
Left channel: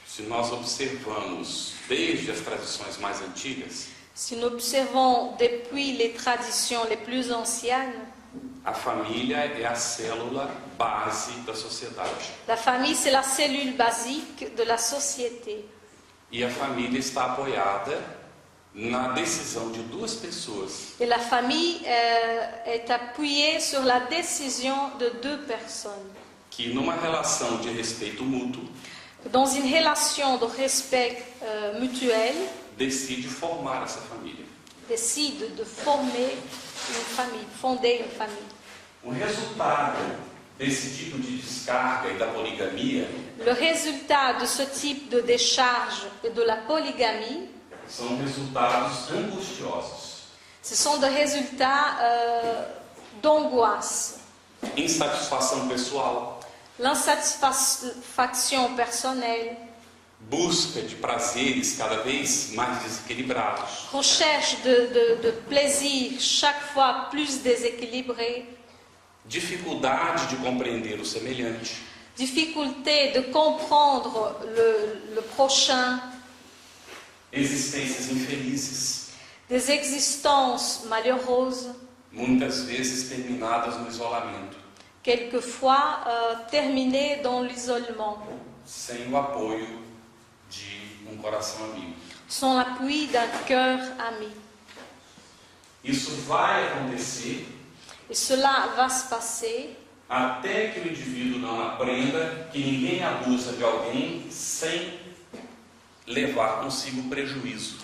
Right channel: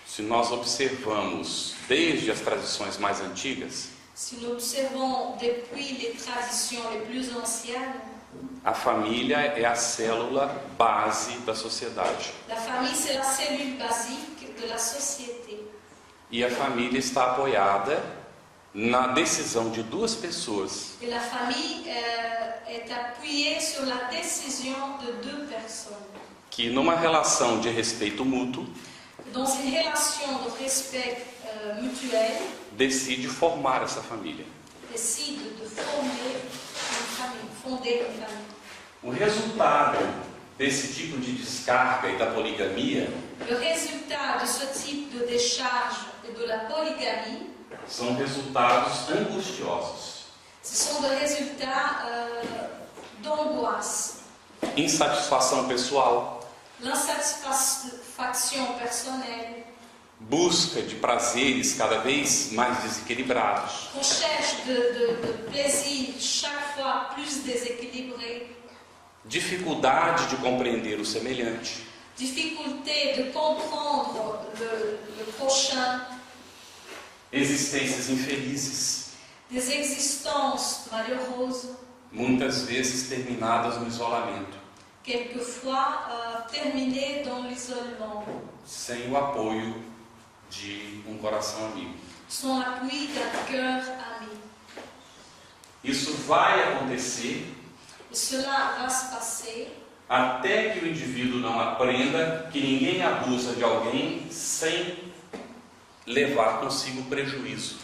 Se nós observamos desde as tradições mais antigas, Si nous observons depuis les traditions les plus anciennes, a família é a célula base da sociedade. la famille c'est la cellule basique de la société. E a família está apoiada na decisão de duas pessoas Et la famille est appuyée sur la décision de deux personnes. que, numa relação de respeito mútuo, Dans une relation de respect mutuel, decide formar essa família. décide de former une famille, fonder une famille. O resultado desse tipo de descarga e da poligamia Le résultat de ce type de décharge et de la polygamie, são resultados angustiosos. ce sont des résultats d'angoisse, Insatisfação pessoal, l'insatisfaction personnelle, busca de prazeres cada vez mais desequilibrados, recherche de plaisir chaque fois plus déséquilibré, dificuldade de compreender o semelhante, difficulté de comprendre le prochain, existências infelizes, des existences malheureuses, muitas vezes terminadas no isolamento, quelquefois terminées dans l'isolement, sem o apoio de um coração amigo. sans l'appui d'un cœur ami. Isso vai acontecer Et cela va se passer até que o indivíduo não aprenda que ninguém abusa de alguém sem levar consigo prejuízo.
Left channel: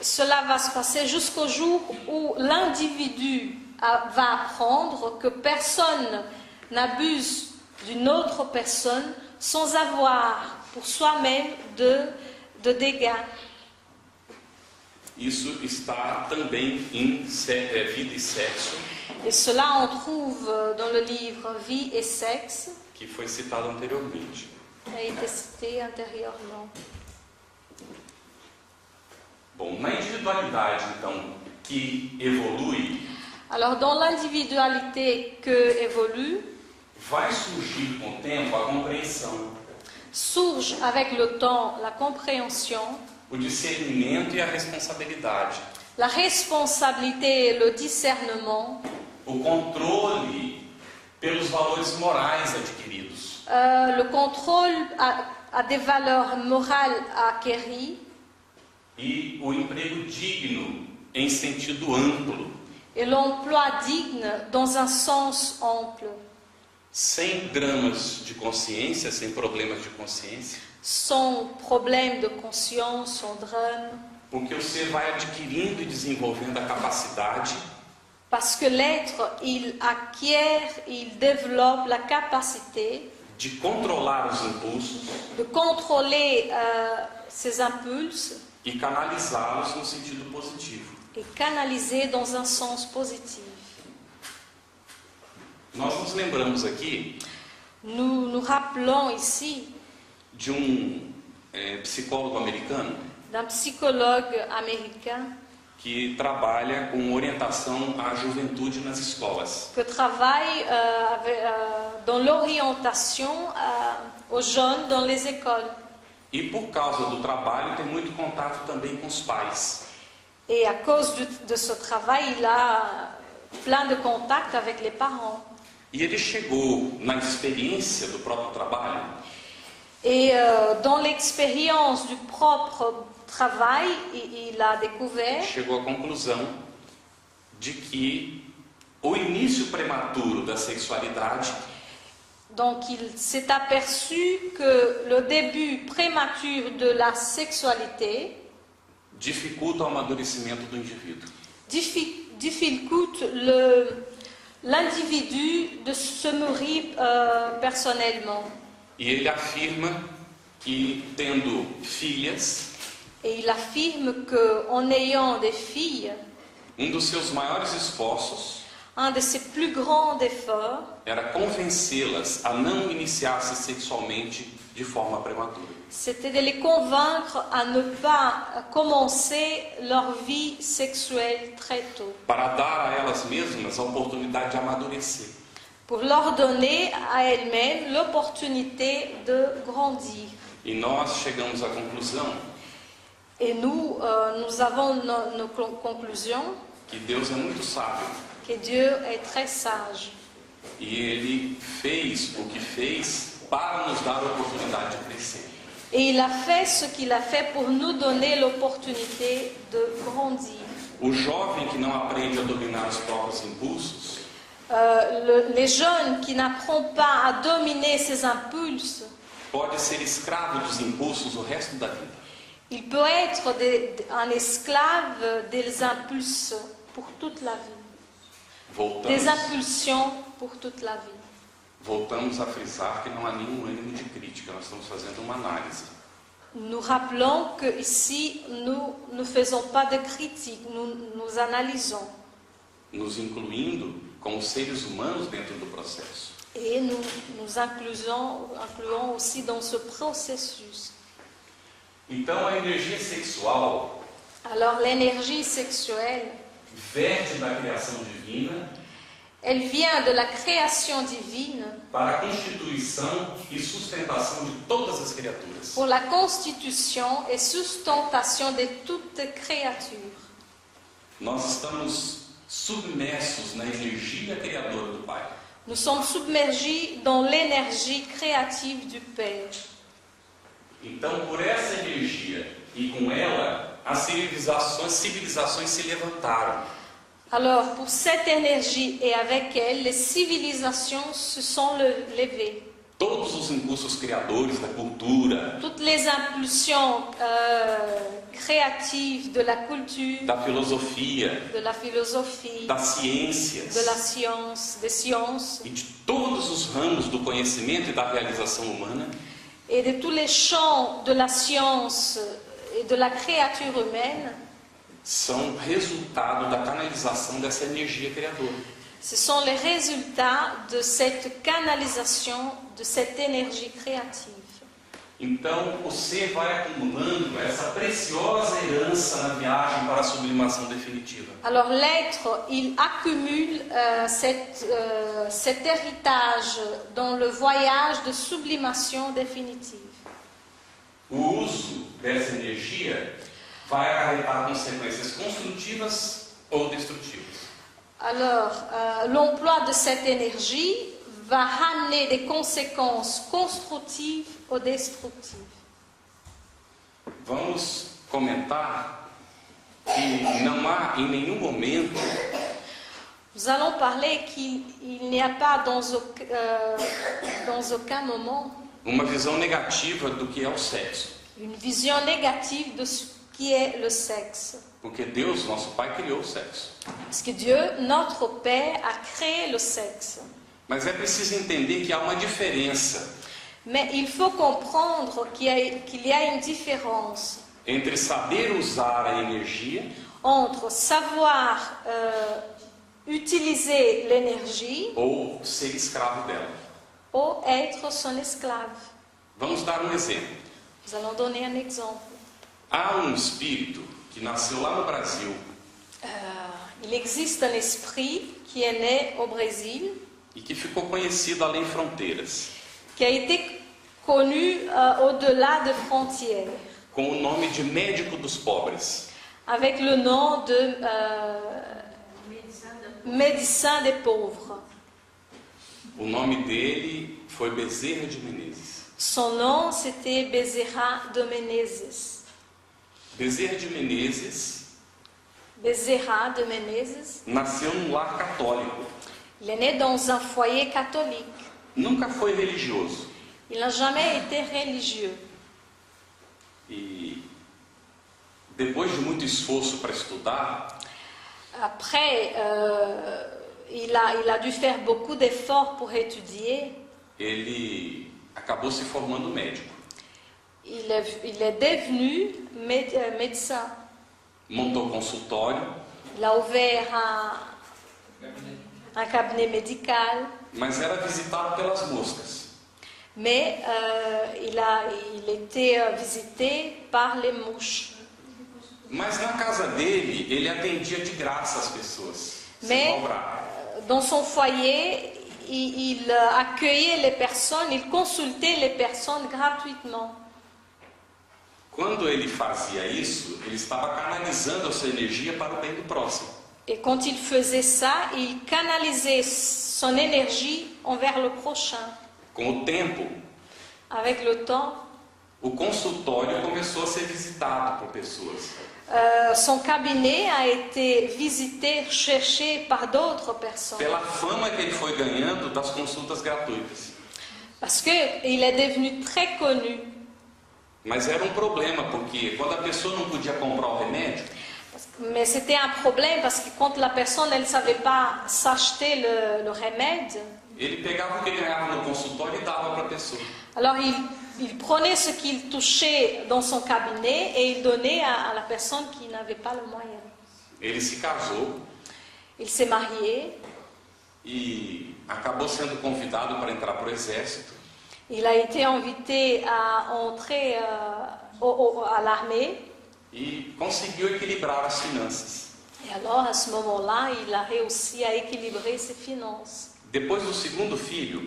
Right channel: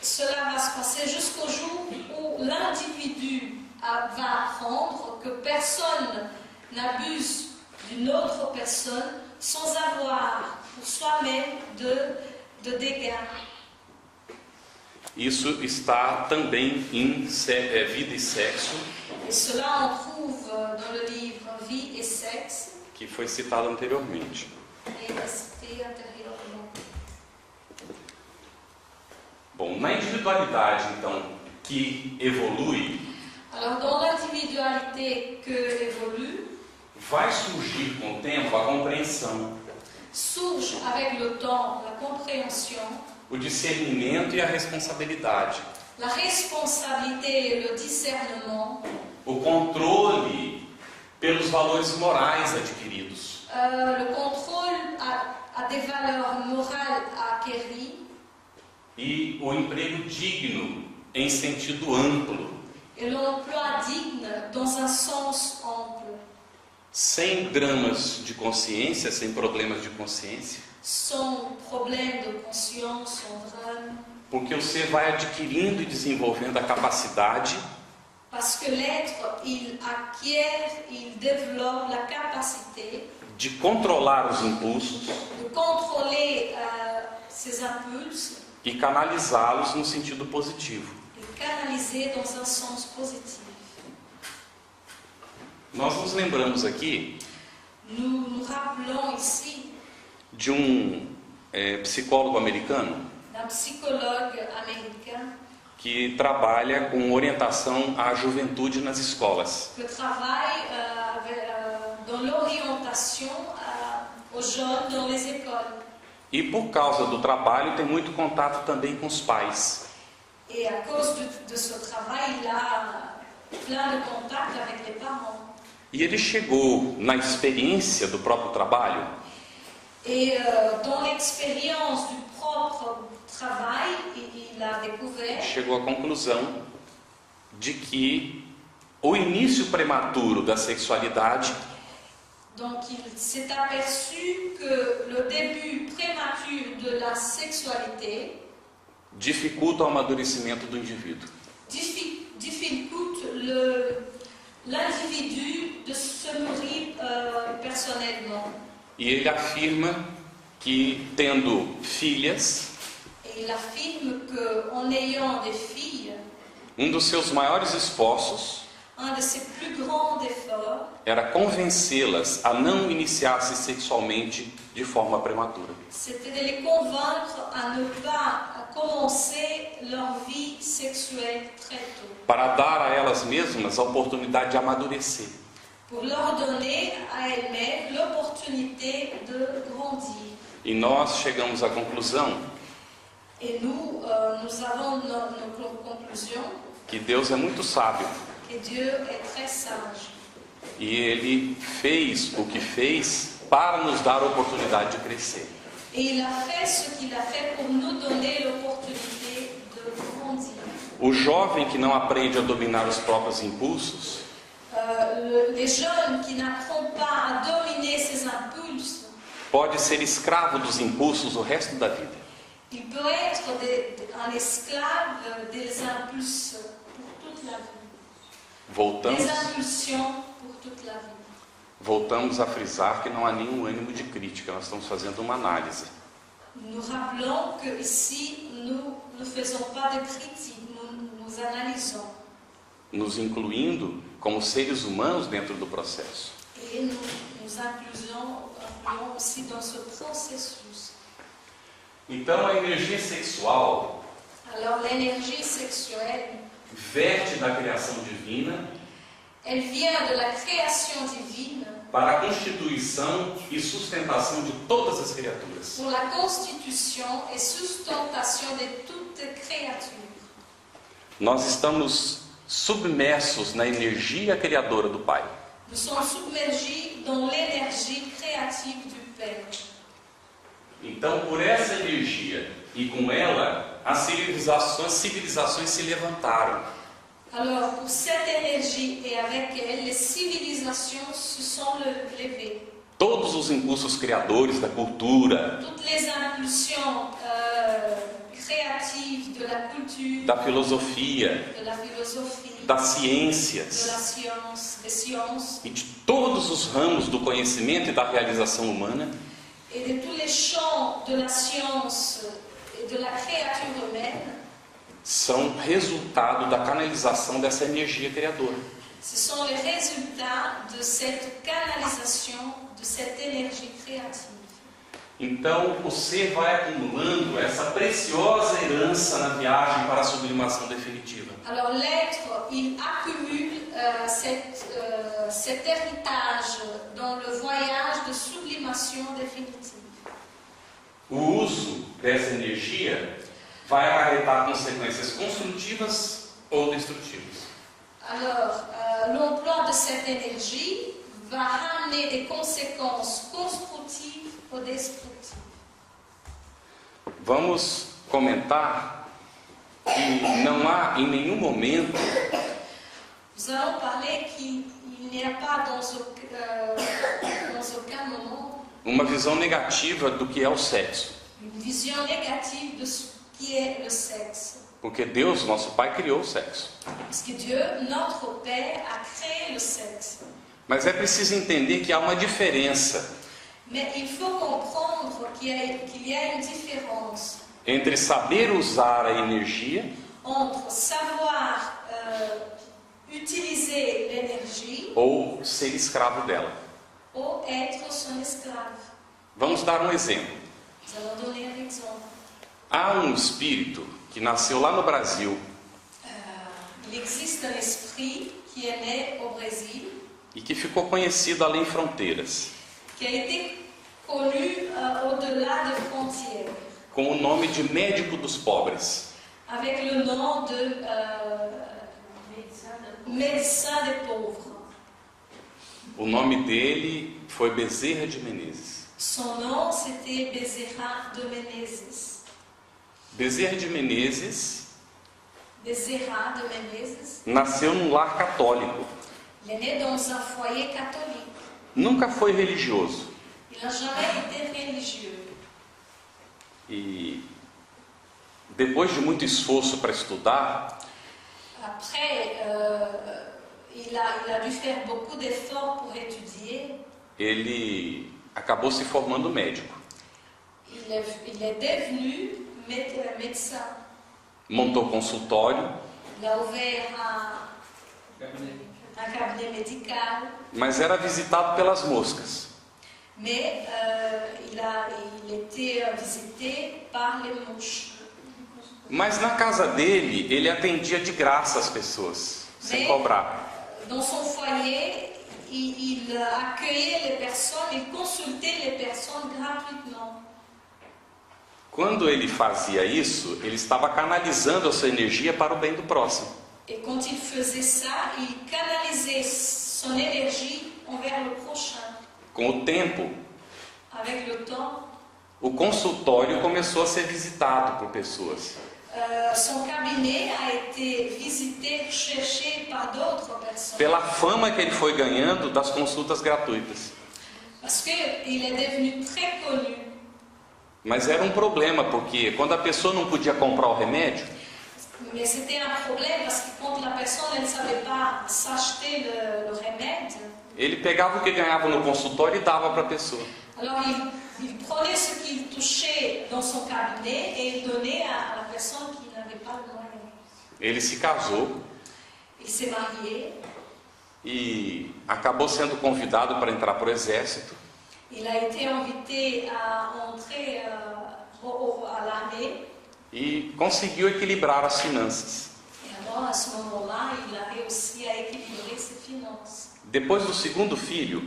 Cela va se passer jusqu'au jour où l'individu va apprendre que personne n'abuse d'une autre personne sans avoir pour soi-même de dégâts. Isso está também em Vida e Sexo, Et cela on trouve dans le livre Vie et Sexe, que foi citado anteriormente. qui a été cité antérieurement. Bom, na individualidade, então, que evolui, Alors dans l'individualité que évolue, vai surgir com o tempo a compreensão, surge avec le temps la compréhension, o discernimento e a responsabilidade, la responsabilité et le discernement, o controle pelos valores morais adquiridos, le contrôle à des valeurs morales acquéries e o emprego digno em sentido amplo, et l'emploi digne dans un sens ample, sem dramas de consciência, sem problemas de consciência, sans problème de conscience, sans drame, porque o ser vai adquirindo e desenvolvendo a capacidade parce que l'être, il acquiert, il développe la capacité de controlar os impulsos de contrôler ses impulses e canalizá-los no sentido positivo. et canaliser dans un sens positif. Nós nos lembramos aqui Nous rappelons ici de psicólogo americano d'un psychologue américain que trabalha com orientação à juventude nas escolas. que travaille dans l'orientation aux jeunes dans les écoles. E por causa do trabalho tem muito contato também com os pais. Et à cause de ce travail, il a plein de contacts avec les parents. E ele chegou na experiência do próprio trabalho Et dans l'expérience du propre travail, il a découvert chegou à conclusão de que o início prematuro da sexualidade donc il s'est aperçu que le début prématuré de la sexualité dificulta o amadurecimento do indivíduo. difficulte l'individu de se nourrir personnellement. E ele afirma que tendo filhas, Et il affirme qu'en ayant des filles, dos seus maiores esforços un de ses plus grands efforts era convencê-las a não iniciar-se sexualmente de forma prematura. c'était de les convaincre à ne pas commencer leur vie sexuelle très tôt, Para dar a elas mesmas a oportunidade de amadurecer. pour leur donner à elles-mêmes l'opportunité de grandir. E nós chegamos à conclusão Et nous avons nos conclusions que Deus é muito sábio que Dieu est très sage. e Ele fez o que fez para nos dar a oportunidade de crescer. Et il a fait ce qu'il a fait pour nous donner l'opportunité de grandir. O jovem que não aprende a dominar os próprios impulsos Les jeunes qui n'apprennent pas à dominer ses impulses, pode ser escravo dos impulsos o resto da vida. il peut être un esclave des impulses pour toute la vie. Des impulsions pour toute la vie. Voltamos a frisar que não há nenhum ânimo de crítica, nós estamos fazendo uma análise. Nous rappelons que ici nous ne faisons pas de critique, nous analysons. Nos incluindo como seres humanos dentro do processo. Et nous incluons aussi dans ce processus. Então a energia sexual Alors l'énergie sexuelle, verte da criação divina elle vient de la création divine para a constituição e sustentação de todas as criaturas. pour la constitution et sustentation de toute créature. Nós estamos submersos na energia criadora do Pai. Nous sommes submergés dans l'énergie créative du Père. Então, por essa energia e com ela, as civilizações se levantaram. Alors, pour cette énergie et avec elle, les civilisations se sont levées. Todos os impulsos criadores da cultura, Toutes les impulsions créatives de la culture, da filosofia, de la philosophie, das de ciências la science, des sciences e de todos os ramos do conhecimento e da realização humana et de tous les champs de la science et de la créature humaine, são resultado da canalização dessa energia criadora. ce sont les résultats de cette canalisation, de cette énergie créative. Então, o ser vai acumulando essa preciosa herança na viagem para a sublimação definitiva. Alors l'être, il accumule cet héritage dans le voyage de sublimation définitive. O uso dessa energia vai acarretar consequências construtivas ou destrutivas. Alors, l'emploi de cette énergie va ramener des conséquences constructives ou destructives. Vamos comentar que não há em nenhum momento Nous allons parler qu'il n'y a pas dans aucun moment uma visão negativa do que é o sexo. une vision négative de ce qui est le sexe. Porque Deus, nosso Pai, criou o sexo. Parce que Dieu, notre Père, a créé le sexe. Mas é preciso entender que há uma diferença Mais il faut comprendre qu'il y a une différence entre saber usar a energia entre savoir utiliser l'énergie ou ser escravo dela. ou être son esclave. Vamos dar um exemplo. Nous allons donner un exemple. Há um espírito que nasceu lá no Brasil Il existe un esprit qui est né au Brésil, e que ficou conhecido além fronteiras, qui a été connu au-delà de frontières, com o nome de médico dos pobres. avec le nom de médecin des pauvres. O nome dele foi Bezerra de Menezes. Son nom, c'était Bezerra de Menezes. Bezerra de Menezes Bezerra de Menezes, nasceu num lar católico. il est né dans un foyer catholique. Nunca foi religioso. Il n'a jamais été religieux. E depois de muito esforço para estudar, Après, il a dû faire beaucoup d'efforts pour étudier. ele acabou se formando médico. Il est devenu médecin. Montou consultório, Il a ouvert un cabinet médical, mas era visitado pelas moscas. mais il était visité par les mouches. Mas na casa dele, ele atendia de graça as pessoas, sem cobrar. Dans son foyer, il accueillait les personnes, il consultait les personnes gratuitement. Quando ele fazia isso, ele estava canalizando a sua energia para o bem do próximo. Et quand il faisait ça, il canalisait son énergie envers le prochain. Com o tempo, Avec le temps, o consultório começou a ser visitado por pessoas. son cabinet a été visité, cherché par d'autres personnes. Pela fama que ele foi ganhando das consultas gratuitas. Parce qu'il est devenu très connu. Mas era um problema, porque quando a pessoa não podia comprar o remédio, Mais c'était un problème parce que quand la personne ne savait pas s'acheter le remède, ele pegava o que ganhava no consultório e dava para a pessoa. alors il prenait ce qu'il touchait dans son cabinet et il donnait à la personne qui n'avait pas le moyen. Ele se casou Il s'est marié, e acabou sendo convidado para entrar para o exército. il a été invité à entrer à l'armée. E conseguiu equilibrar as finanças. Et alors, à ce moment-là, il a réussi à équilibrer ses finances. Depois do segundo filho,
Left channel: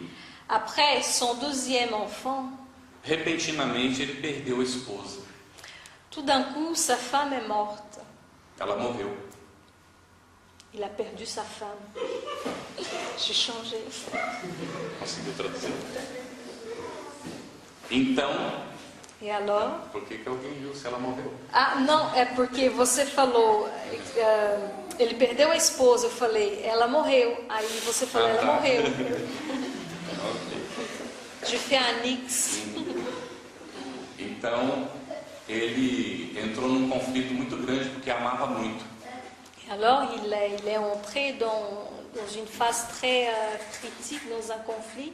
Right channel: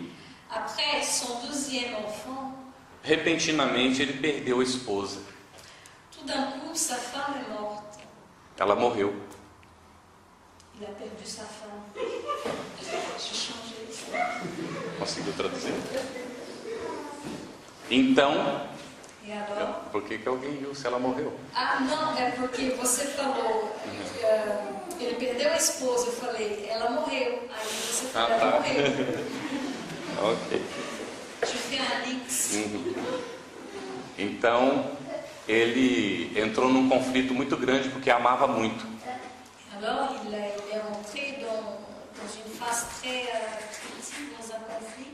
Après son deuxième enfant, repentinamente ele perdeu a esposa. tout d'un coup, sa femme est morte. Ela morreu. Il a perdu sa femme. J'ai changé. Conseguiu traduzir? Então, Et alors? por que alguém viu se ela morreu? Ah, não, é porque você falou, ele perdeu a esposa, eu falei, ela morreu. Aí você falou, Ah, tá. ela morreu. Ok. Je fais un X. Então, ele entrou num conflito muito grande porque amava muito. Et alors, il est entré dans une phase très critique, dans un conflit,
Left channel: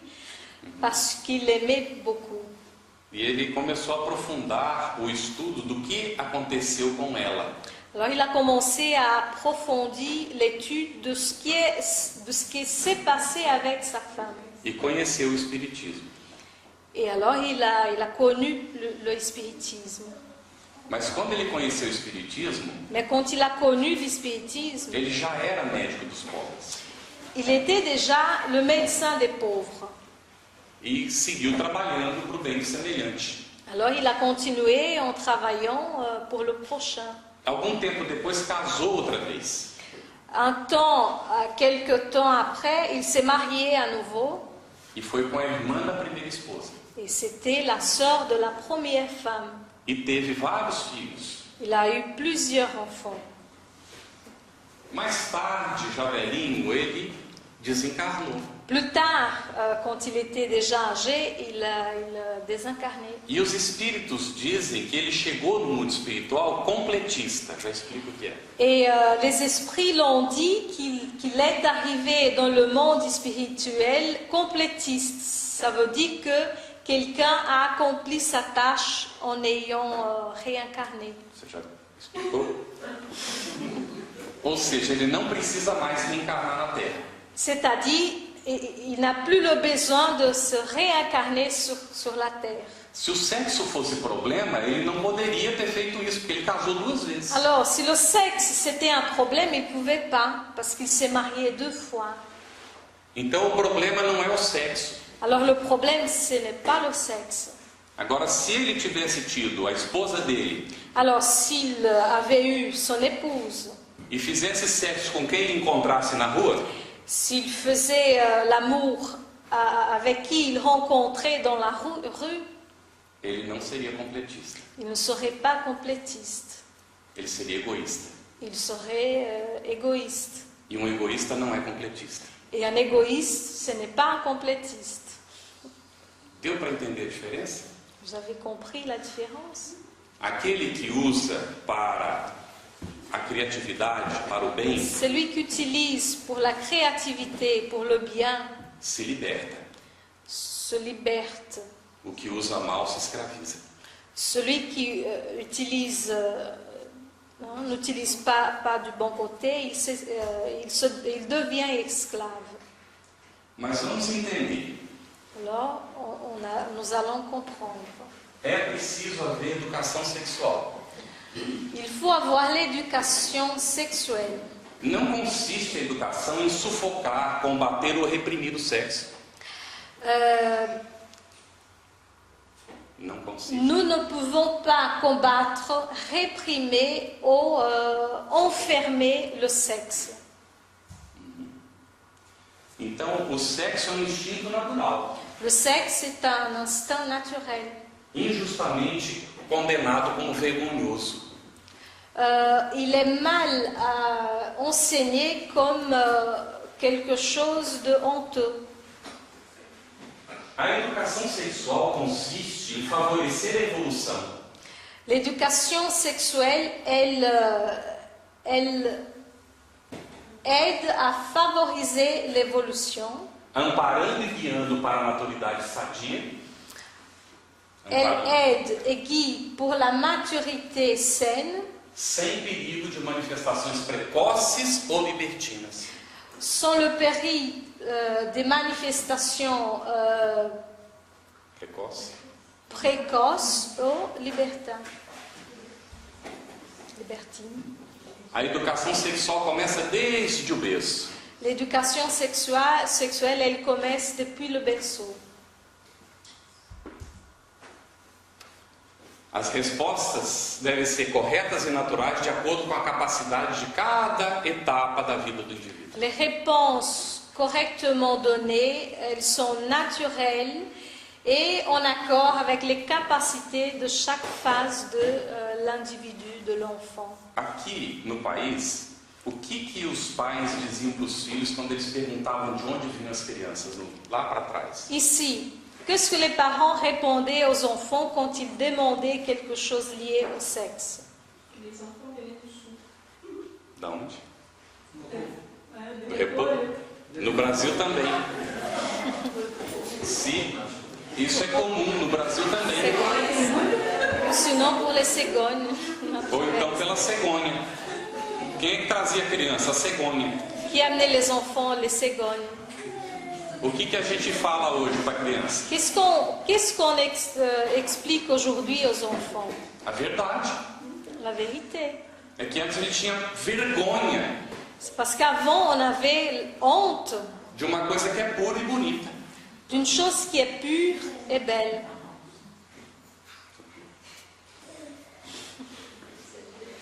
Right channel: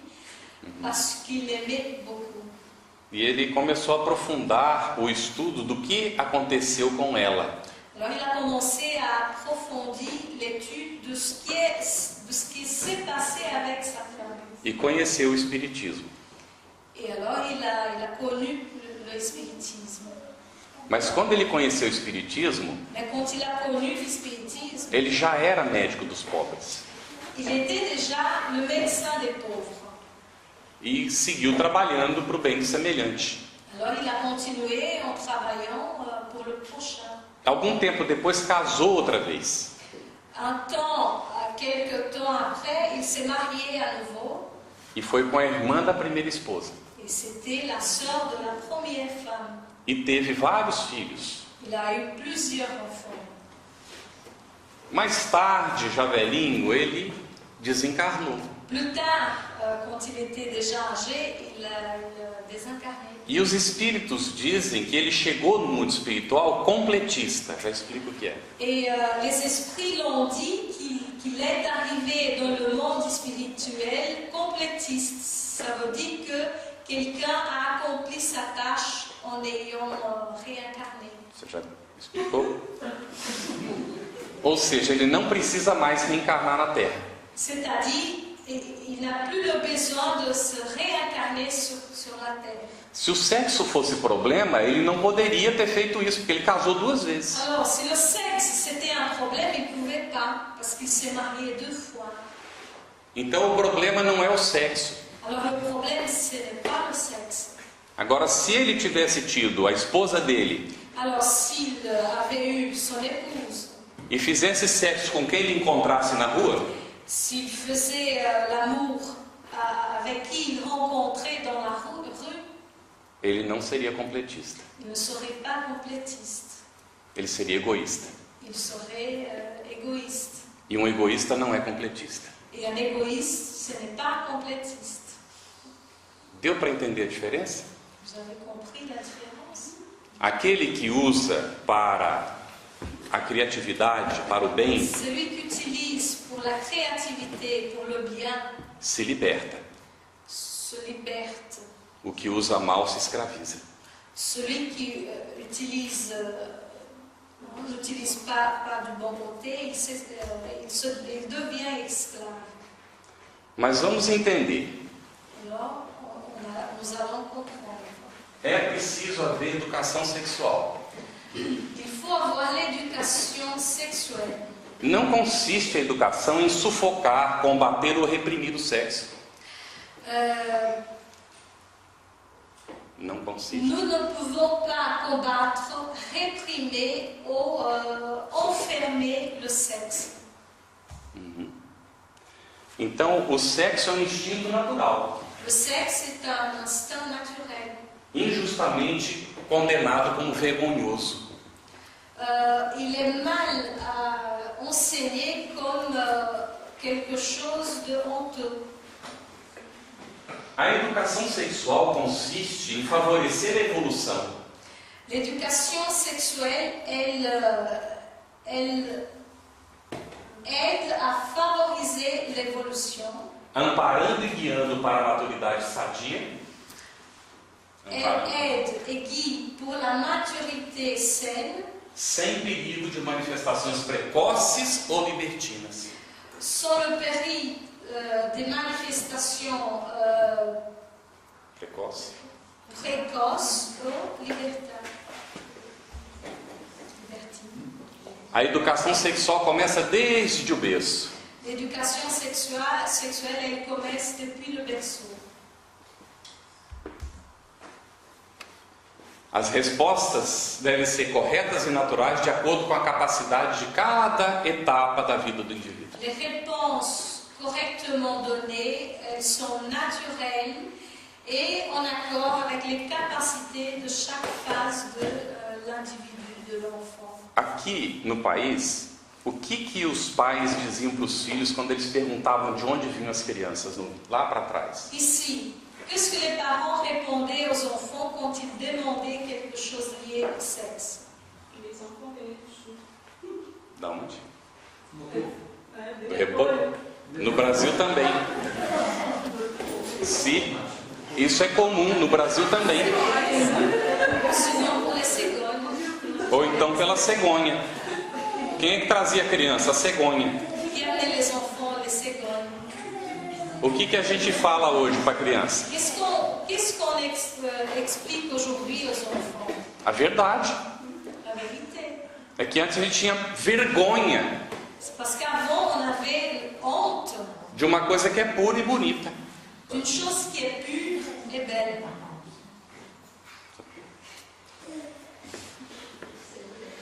parce qu'il aimait beaucoup. E ele começou a aprofundar o estudo do que aconteceu com ela. Alors, il a commencé à approfondir l'étude de ce qui s'est passé avec sa femme. E conheceu o espiritismo. Et alors, il a connu le spiritisme. Mas quando ele conheceu o espiritismo, Mais quand il a connu le spiritisme, ele já era médico dos pobres. il était déjà le médecin des pauvres. E seguiu trabalhando para o bem do semelhante. Alors, il a continué en travaillant pour le prochain. Algum tempo depois casou outra vez. Quelques temps après, il s'est marié à nouveau. E foi com a irmã da primeira esposa. Et c'était la sœur de la première femme. E teve vários filhos. Il a eu plusieurs enfants. Mais tarde, já velhinho, ele desencarnou. Plus tard, quand il était déjà âgé, il a désincarné. E os espíritos dizem que ele chegou no mundo espiritual completista. Já explico o que é. Et les esprits l'ont dit qu'il est arrivé dans le monde spirituel complétiste. Ça veut dire que quelqu'un a accompli sa tâche en ayant réincarné. Você já explicou? Ou seja, ele não precisa mais reencarnar na Terra. C'est-à-dire, il n'a plus le besoin de se réincarner sur la terre. Se o sexo fosse problema, ele não poderia ter feito isso, porque ele casou 2 vezes. Alors, si le sexe c'était un problème, il ne pouvait pas, parce qu'il s'est marié 2 fois. Então o problema não é o sexo. Alors le problème, ce n'est pas le sexe. Agora, se ele tivesse tido a esposa dele Alors, s'il avait eu son épouse, e fizesse sexo com quem ele encontrasse na rua, s'il faisait l'amour avec qui il rencontrait dans la rue, ele não seria completista. il ne serait pas complétiste. Ele seria egoísta. Il serait égoïste. E um egoísta não é completista. Et un égoïste, ce n'est pas un complétiste. Deu para entender a diferença? Vous avez compris la différence? Aquele que usa para a criatividade, para o bem, Celui qui utilise pour la créativité, pour le bien, se liberta. se liberte. O que usa mal se escraviza. Celui qui n'utilise pas du bon côté, il devient esclave. Mas vamos entender. Alors, nous allons comprendre. É preciso haver educação sexual. Il faut avoir l'éducation sexuelle. Não consiste a educação em sufocar, combater ou reprimir o sexo. Não consiste. Nous ne pouvons pas combattre, réprimer ou enfermer le sexe. Então, o sexo é um instinto natural, Le sexe est un instinct naturel. injustamente condenado como vergonhoso. Il est mal enseigné comme quelque chose de honteux. A educação sexual consiste em favorecer a evolução. L'éducation sexuelle, elle aide à favoriser l'évolution. Amparando e guiando para a maturidade sadia. Elle aide et guide pour la maturité saine, Sem perigo de manifestações precoces ou libertinas. sans le péril des manifestations Precoce. précoces ou libertines. A educação sexual começa desde o berço. L'éducation sexuelle, elle commence depuis le berceau. As respostas devem ser corretas e naturais de acordo com a capacidade de cada etapa da vida do indivíduo. Les réponses correctement données, elles sont naturelles et en accord avec les capacités de chaque phase de l'individu, de l'enfant. Aqui no país, o que os pais diziam para os filhos quando eles perguntavam de onde vinham as crianças, lá para trás? Ici, qu'est-ce que les parents répondaient aux enfants quand ils demandaient quelque chose lié au sexe? Les enfants venaient du sul. Da onde? Do repolho? No Brasil também. Sim, isso é comum no Brasil também. Sinon, pour les cégognes. Ou então pela cegonha. Quem é que trazia a criança? A cegonha. Qui amenait les enfants, les cégognes? O que a gente fala hoje para a criança? Qu'est-ce qu'on explique aujourd'hui aux enfants? A verdade. La vérité. É que antes a gente tinha vergonha Parce qu'avant, on avait honte de uma coisa que é pura e bonita. d'une chose qui est pure et belle.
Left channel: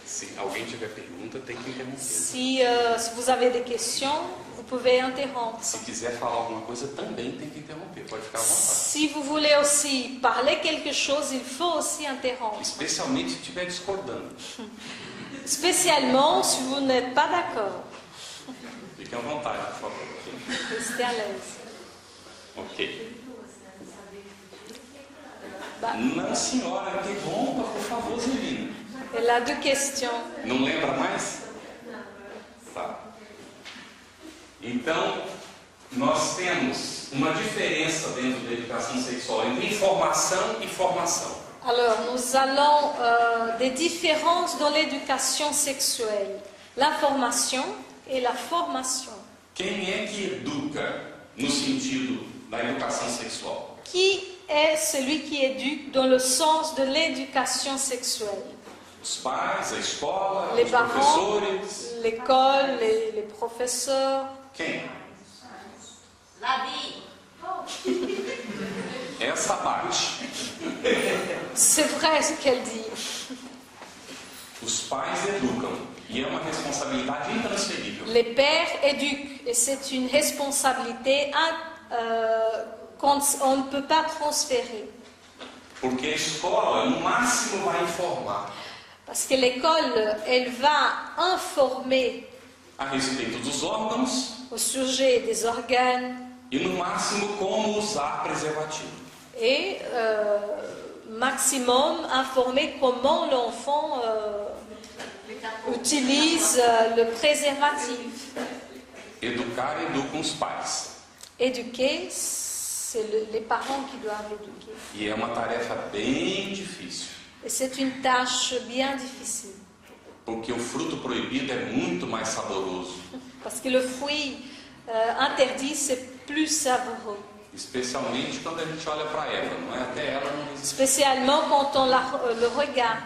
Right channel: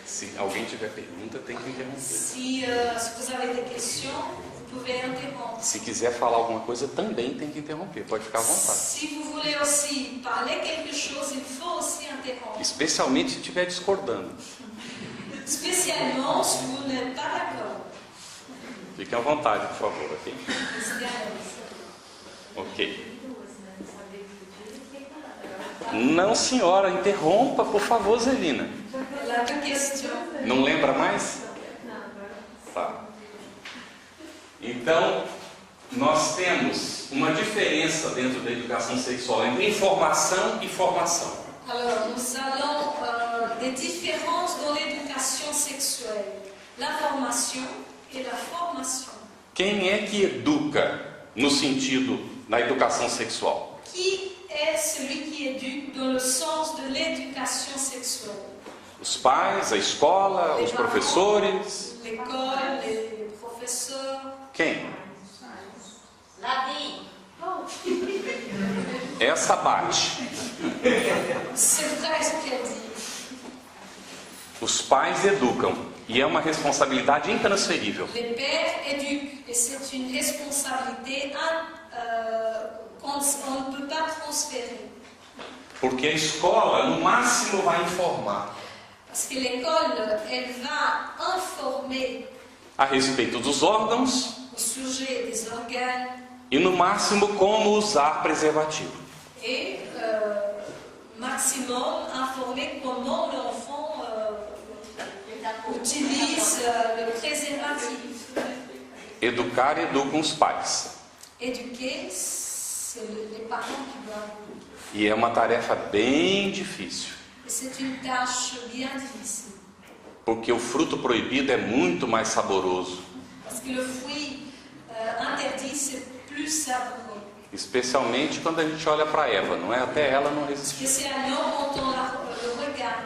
Se alguém tiver pergunta, tem que interromper. Si vous avez des questions, vous pouvez interrompre. Se quiser falar alguma coisa, também tem que interromper. Pode ficar à vontade. Si vous voulez aussi parler quelque chose, il faut aussi interrompre. Especialmente se estiver discordando. Spécialement si vous n'êtes pas d'accord. Fiquem à vontade, por favor, ok? Restez à l'aise. Ok. Não, senhora, interrompa, por favor, Zelina. Elle a 2 questions. Não lembra mais? Tá. Então, nós temos uma diferença dentro da educação sexual entre informação e formação. Alors, nous allons des différences dans l'éducation sexuelle. L'information et la formation. Quem é que educa no sentido da educação sexual? Qui est celui qui éduque dans le sens de l'éducation sexuelle? Os pais, a escola, Les os parents, professores? l'école, les professeurs. Quem? La vie. Essa bate. C'est vrai ce qu'elle dit. Os pais educam e é uma responsabilidade intransferível. Les pères éduquent et c'est une responsabilité qu'on ne peut pas transférer. Porque a escola, no máximo, vai informar Parce que l'école, elle va informer a respeito dos órgãos au sujet des organes e, no máximo, como usar preservativo. et maximum informer comment l'enfant utilise le préservatif. Educar educam os pais. Éduquer, c'est les parents qui doivent éduquer. E é uma tarefa bem difícil, Et c'est une tâche bien difficile. porque o fruto proibido é muito mais saboroso, Parce que le fruit interdit, c'est plus savoureux. especialmente quando a gente olha para Eva, não é? Até ela não resistiu, Spécialement quand on le regarde.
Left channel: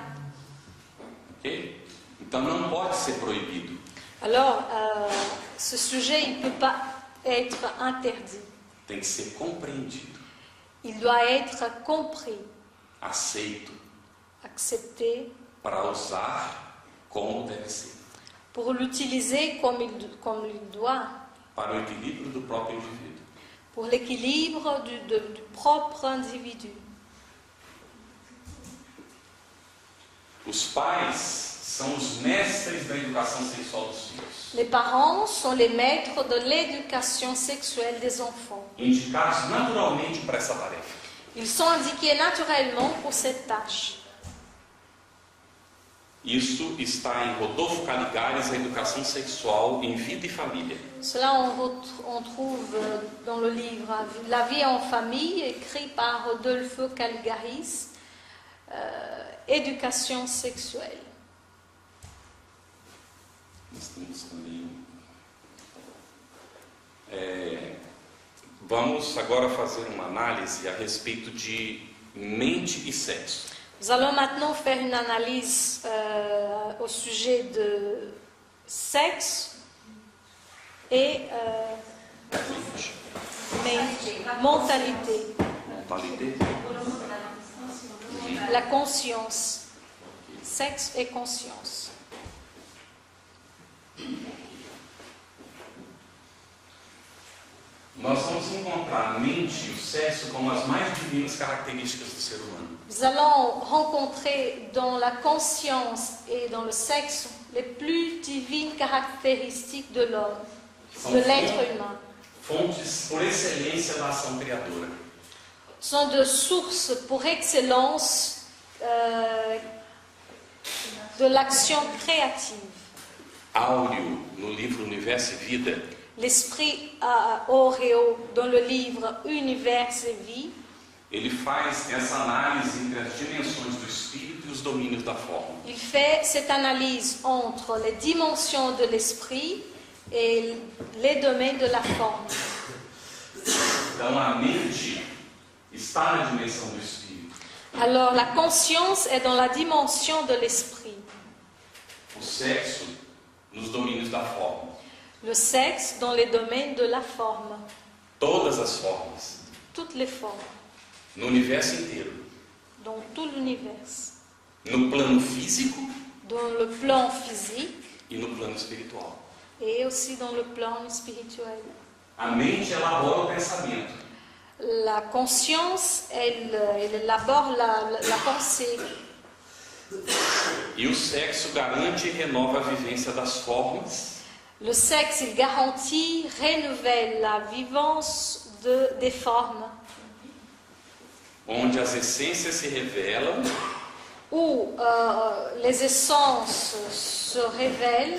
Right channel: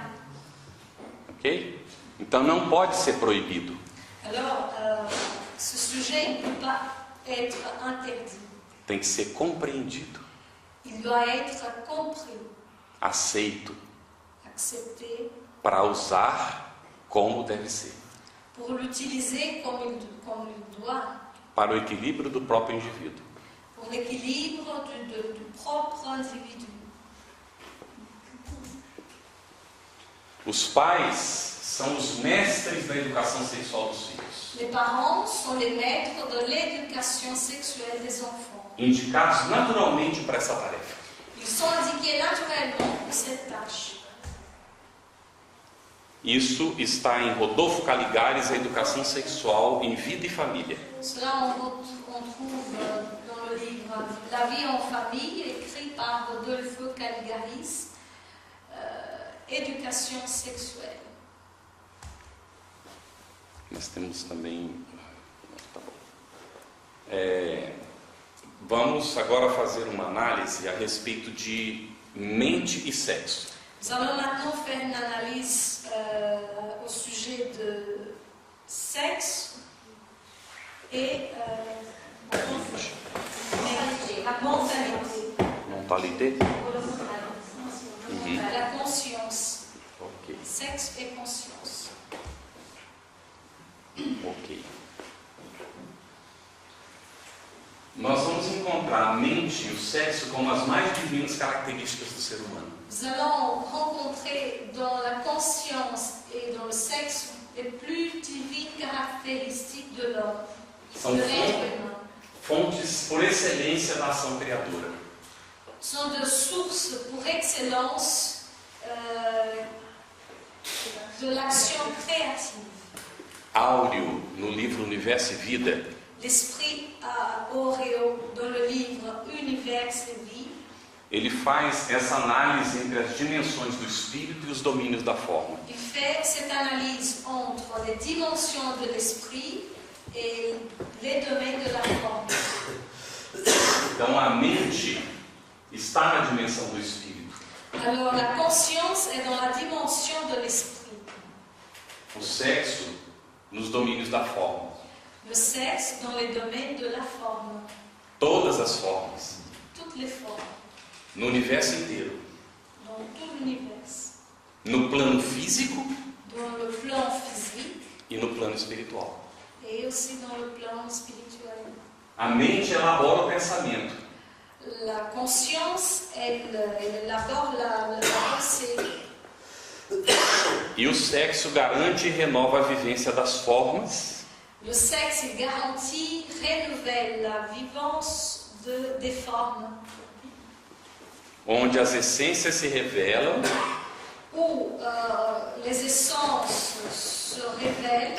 ok? Então não pode ser proibido. Alors, ce sujet, il ne peut pas être interdit. Tem que ser compreendido, Il doit être compris, aceito, accepté, para usar como deve ser, pour l'utiliser comme il doit, para o equilíbrio do próprio indivíduo. pour l'équilibre du propre individu. Os pais são os mestres da educação sexual dos filhos, Les parents sont les maîtres de l'éducation sexuelle des enfants. indicados naturalmente para essa tarefa. Ils sont indiqués naturellement pour cette tâche. Isso está em Rodolfo Caligares, a educação sexual em vida e família. Cela, on trouve dans le livre La vie en famille, écrit par Rodolfo Caligaris, Éducation sexuelle. Nós temos também. Tá bom. Vamos agora fazer uma análise a respeito de mente e sexo. Nous allons maintenant faire une analyse au sujet de sexe et mentalité, Mentalité? la conscience, Ok, sexe et conscience. ok. Nós vamos encontrar a mente e o sexo como as mais divinas características do ser humano. Nous allons rencontrer dans la conscience et dans le sexe les plus divines caractéristiques de l'homme, São de l'être humain. fontes por excelência da ação criadora. Sont de sources pour excellence de l'action créative. Áureo, no livro Universo e Vida, L'esprit Auréo, dans le livre Univers et Vie, ele faz essa análise entre as dimensões do espírito e os domínios da forma. il fait cette analyse entre les dimensions de l'esprit et les domaines de la forme. Então a mente está na dimensão do espírito, Alors la conscience est dans la dimension de l'esprit, o sexo nos domínios da forma. le sexe dans les domaines de la forme, Todas as formas, toutes les formes, no universo inteiro, dans tout l'univers, no plano físico dans le plan physique e no plano espiritual. et aussi dans le plan spirituel. A mente elabora o pensamento, La conscience, elle élabore la pensée. e o sexo garante e renova a vivência das formas Le sexe, il garantit, renouvelle la vivance des formes, onde as essências se revelam où les essences se révèlent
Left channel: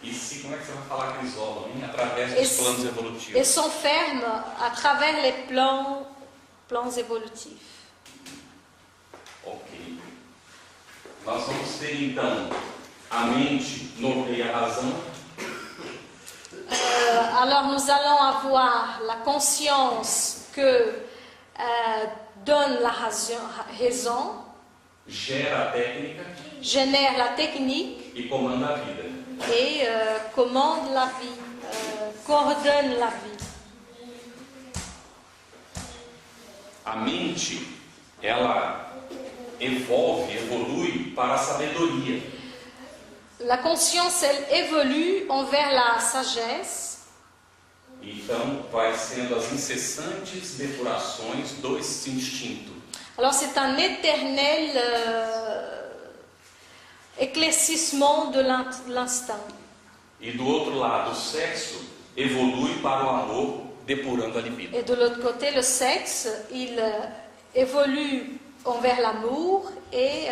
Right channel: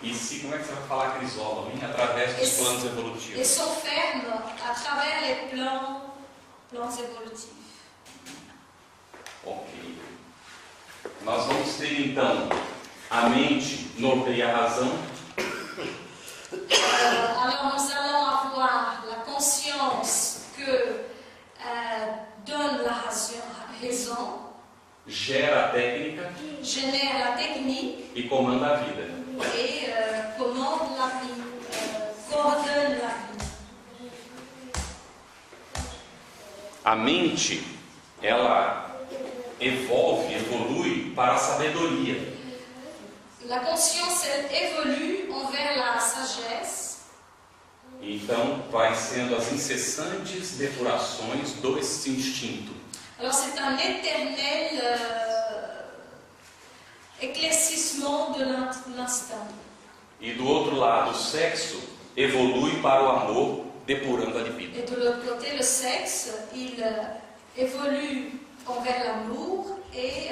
e se, como é que você vai falar, Crisólogo, hein? Através dos planos et evolutivos. s'enferment à travers les plans évolutifs. Ok. Nós vamos ter então a mente norteia a razão, Alors nous allons avoir la conscience que donne la raison, gera a técnica génère la technique e comanda a vida. et commande la vie, coordonne la vie. A mente, ela evolui para a sabedoria. La conscience, elle évolue envers la sagesse. Então, vai sendo as incessantes depurações desse instinto. Alors c'est un éternel éclaircissement de l'instinct. E do outro lado, o sexo evolui para o amor, depurando a libido. Et de l'autre côté, le sexe, il évolue envers l'amour et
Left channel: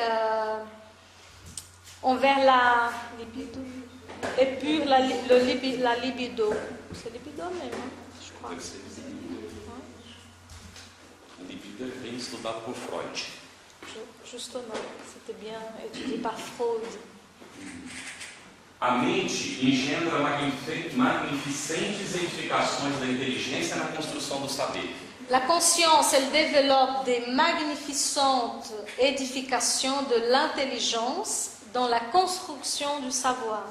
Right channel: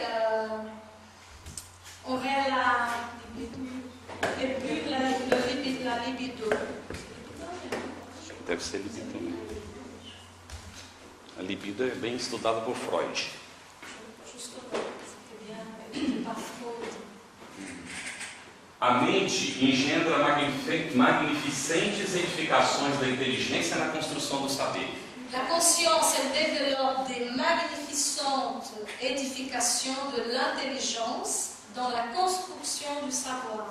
envers la libido. Épure la libido. C'est libido mesmo? Deve ser libido também. A libido é bem estudada por Freud. Justement, c'était bien étudié par Freud. A mente engendra magnificentes edificações da inteligência na construção do saber. La conscience, elle développe des magnificentes édifications de l'intelligence dans la construction du savoir.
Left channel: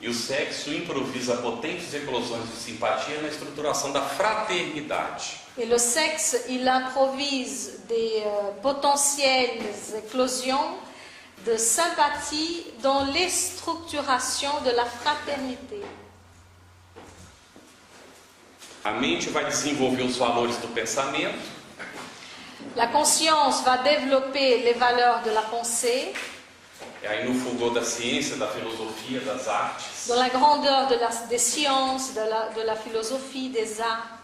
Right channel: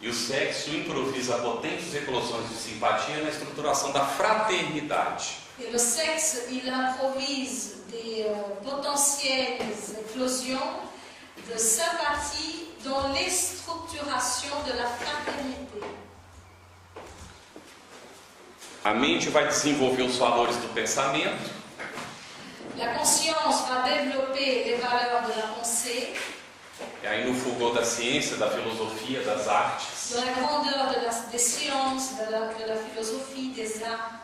E o sexo improvisa potentes eclosões de simpatia na estruturação da fraternidade. Et le sexe, il improvise des potentielles éclosions de sympathie dans les structurations de la fraternité. A mente vai desenvolver os valores do pensamento, La conscience va développer les valeurs de la pensée, e aí no fulgor da ciência, da filosofia, das artes. dans la grandeur des sciences, de la philosophie, des arts.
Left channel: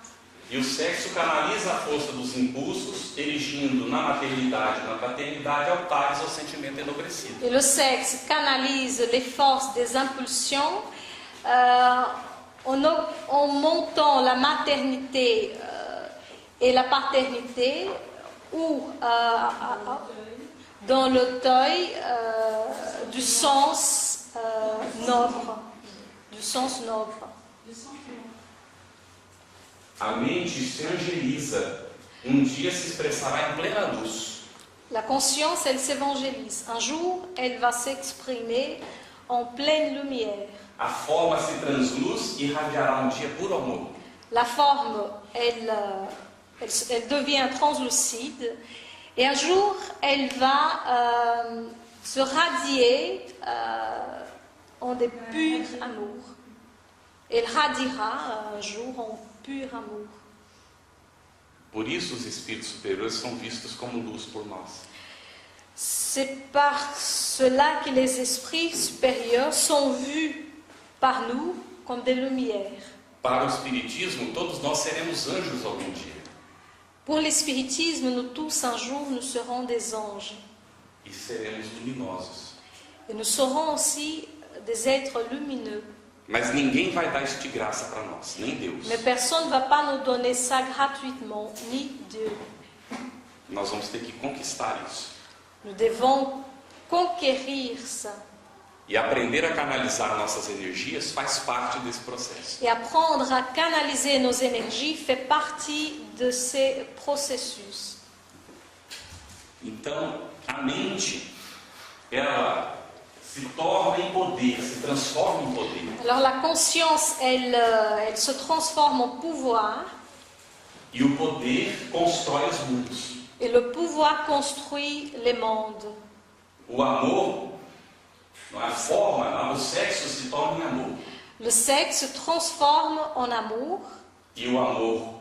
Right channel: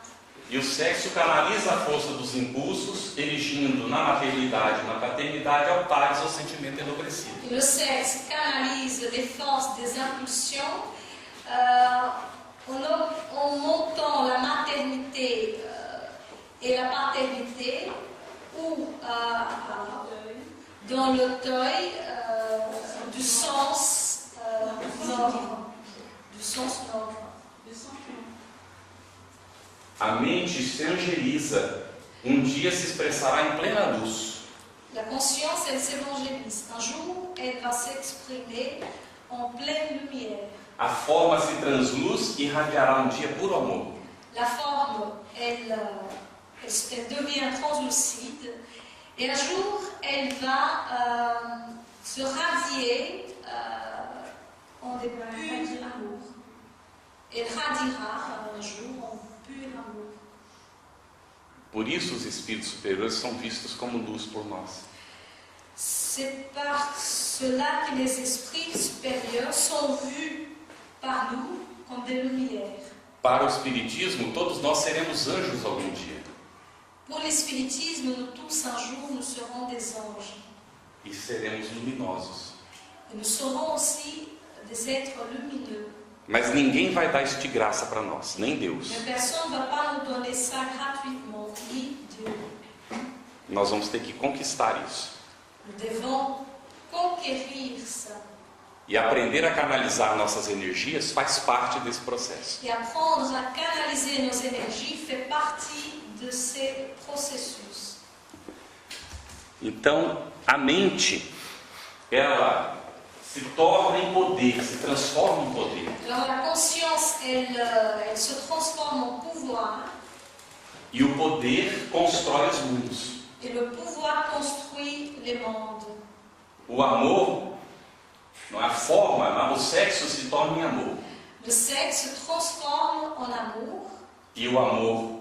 E o sexo canaliza a força dos impulsos, erigindo na maternidade e na paternidade altares ao sentimento enobrecido. Et le sexe canalise les forces des impulsions en montant la maternité et la paternité ou dans le deuil du sens noble. Du sens noble. A mente se angeliza, dia se expressará em plena luz. La conscience, elle s'évangélise. Un jour, elle va s'exprimer en pleine lumière. A forma se transluz e irradiará dia puro amor. La forme, elle devient translucide et un jour, elle va se radier en des purs amour. Elle radiera un jour en pur amour. Por isso os espíritos superiores são vistos como luz por nós. C'est par cela que les esprits supérieurs sont vus par nous comme des lumières. Para o espiritismo, todos nós seremos anjos algum dia. Pour l'espiritisme, nous tous un jour nous serons des anges. E seremos luminosos. Et nous serons aussi des êtres lumineux. Mas ninguém vai dar isso de graça para nós, nem Deus. Mais personne ne va pas nous donner ça gratuitement, ni Dieu. Nós vamos ter que conquistar isso. Nous devons conquérir ça. E aprender a canalizar nossas energias faz parte desse processo. Et apprendre à canaliser nos énergies fait partie de ces processus. Então, a mente, ela se torna em poder, se transforma em poder. Alors la conscience, elle se transforme en pouvoir. E o poder constrói os mundos. Et le pouvoir construit les mondes. O amor, não é a forma, mas o sexo se torna em amor. Le sexe se transforme en amour. E o amor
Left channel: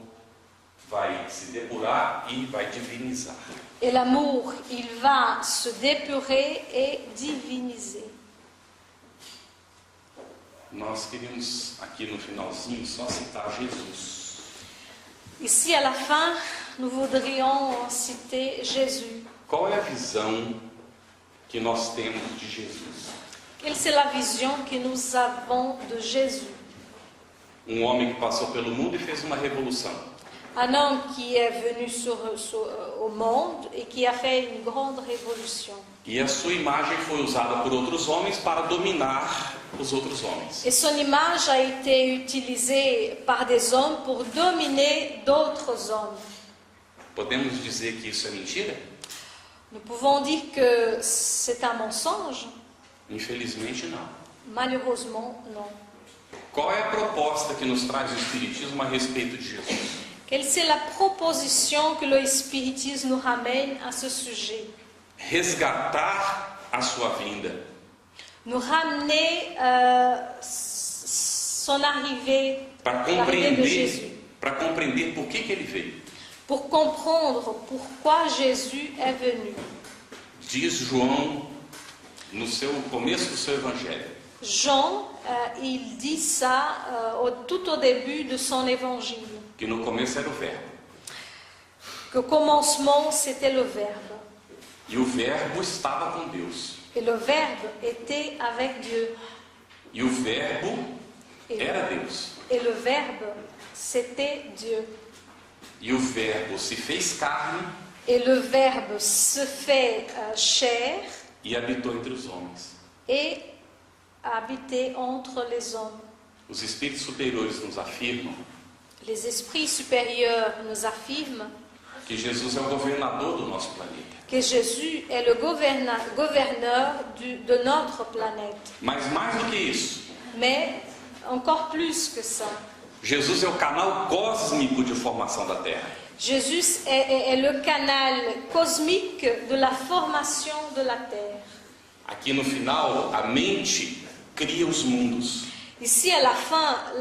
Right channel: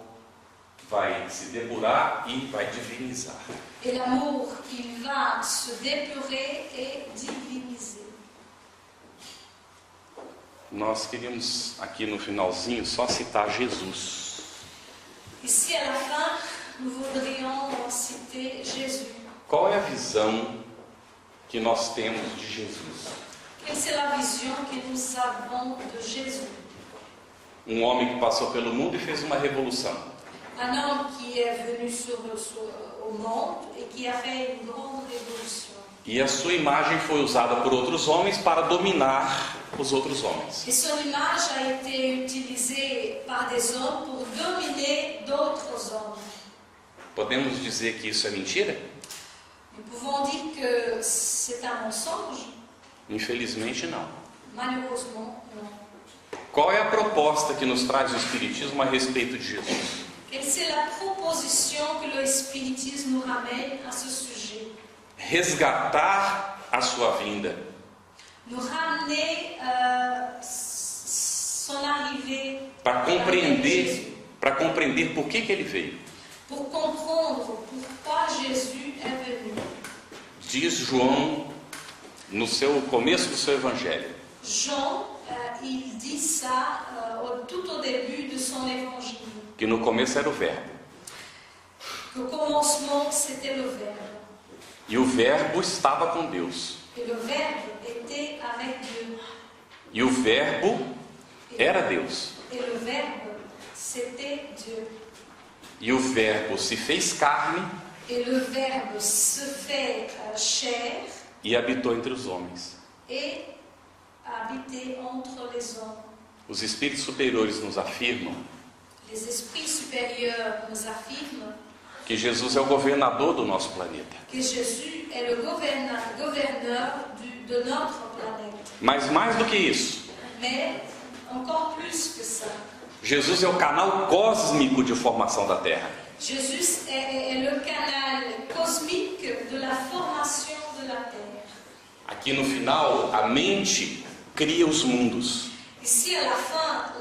vai se depurar e vai divinizar. Et l'amour, il va se dépurer et diviniser. Nós queríamos aqui no finalzinho só citar Jesus. Ici, à la fin, nous voudrions citer Jésus. Qual é a visão que nós temos de Jesus? Quelle c'est la vision que nous avons de Jésus? Um homem que passou pelo mundo e fez uma revolução. Un homme qui est venu au monde et qui a fait une grande révolution. E a sua imagem foi usada por outros homens para dominar os outros homens. Et son image a été utilisée par des hommes pour dominer d'autres hommes. Podemos dizer que isso é mentira? Nous pouvons dire que c'est un mensonge? Infelizmente não. Malheureusement, non. Qual é a proposta que nos traz o Espiritismo a respeito de Jesus? Quelle c'est la proposition que le spiritisme nous ramène à ce sujet? Resgatar a sua vinda. Nous ramener son arrivée, Para l'arrivée de Jésus. compreender por que ele veio. Pour comprendre pourquoi Jésus est venu. Diz João no começo do seu evangelho. Jean, il dit ça tout au début de son évangile. Que no começo era o verbo. Que au commencement, c'était le Verbe. E o verbo estava com Deus. Et le Verbe était avec Dieu. E o verbo era Deus. Et le Verbe, c'était Dieu. E o verbo se fez carne Et le Verbe se fait chair e habitou entre os homens. et habitait entre les hommes. Os espíritos superiores nos afirmam Les esprits supérieurs nous affirment que Jesus é o governador do nosso planeta. que Jésus est le gouverneur de notre planète. Mas mais do que isso, Mais encore plus que ça, Jesus é o canal cósmico de formação da Terra. Jésus est le canal cosmique de la formation de la Terre. Aqui no final, a mente cria os mundos. Ici, à la fin,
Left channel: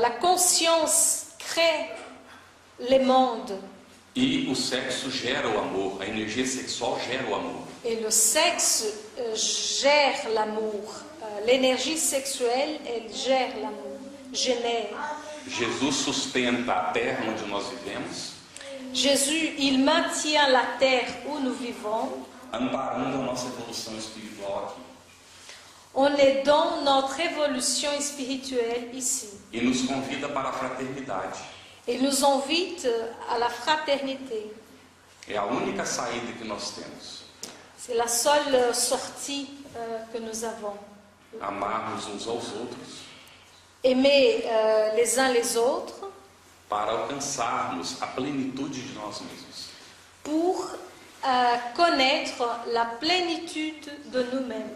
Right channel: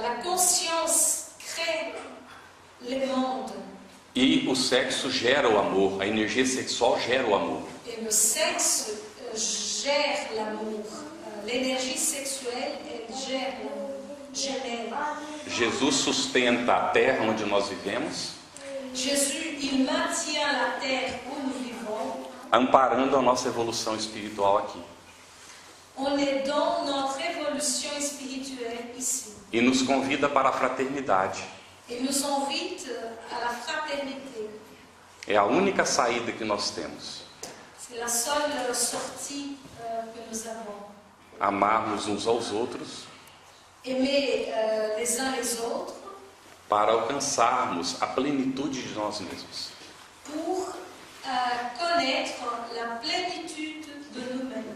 la conscience crée les mondes. E o sexo gera o amor, a energia sexual gera o amor. Et le sexe gère l'amour. L'énergie sexuelle, elle gère l'amour. Génère. Jesus sustenta a terra onde nós vivemos, Jésus, il maintient la terre où nous vivons amparando a nossa evolução espiritual aqui. en aidant notre évolution spirituelle ici. E nos convida para a fraternidade. Il nous invite à la fraternité. É a única saída que nós temos. C'est la seule sortie que nous avons. Amarmos uns aos outros Aimer les uns les autres para alcançarmos a plenitude de nós mesmos. pour connaître la plénitude de nous-mêmes.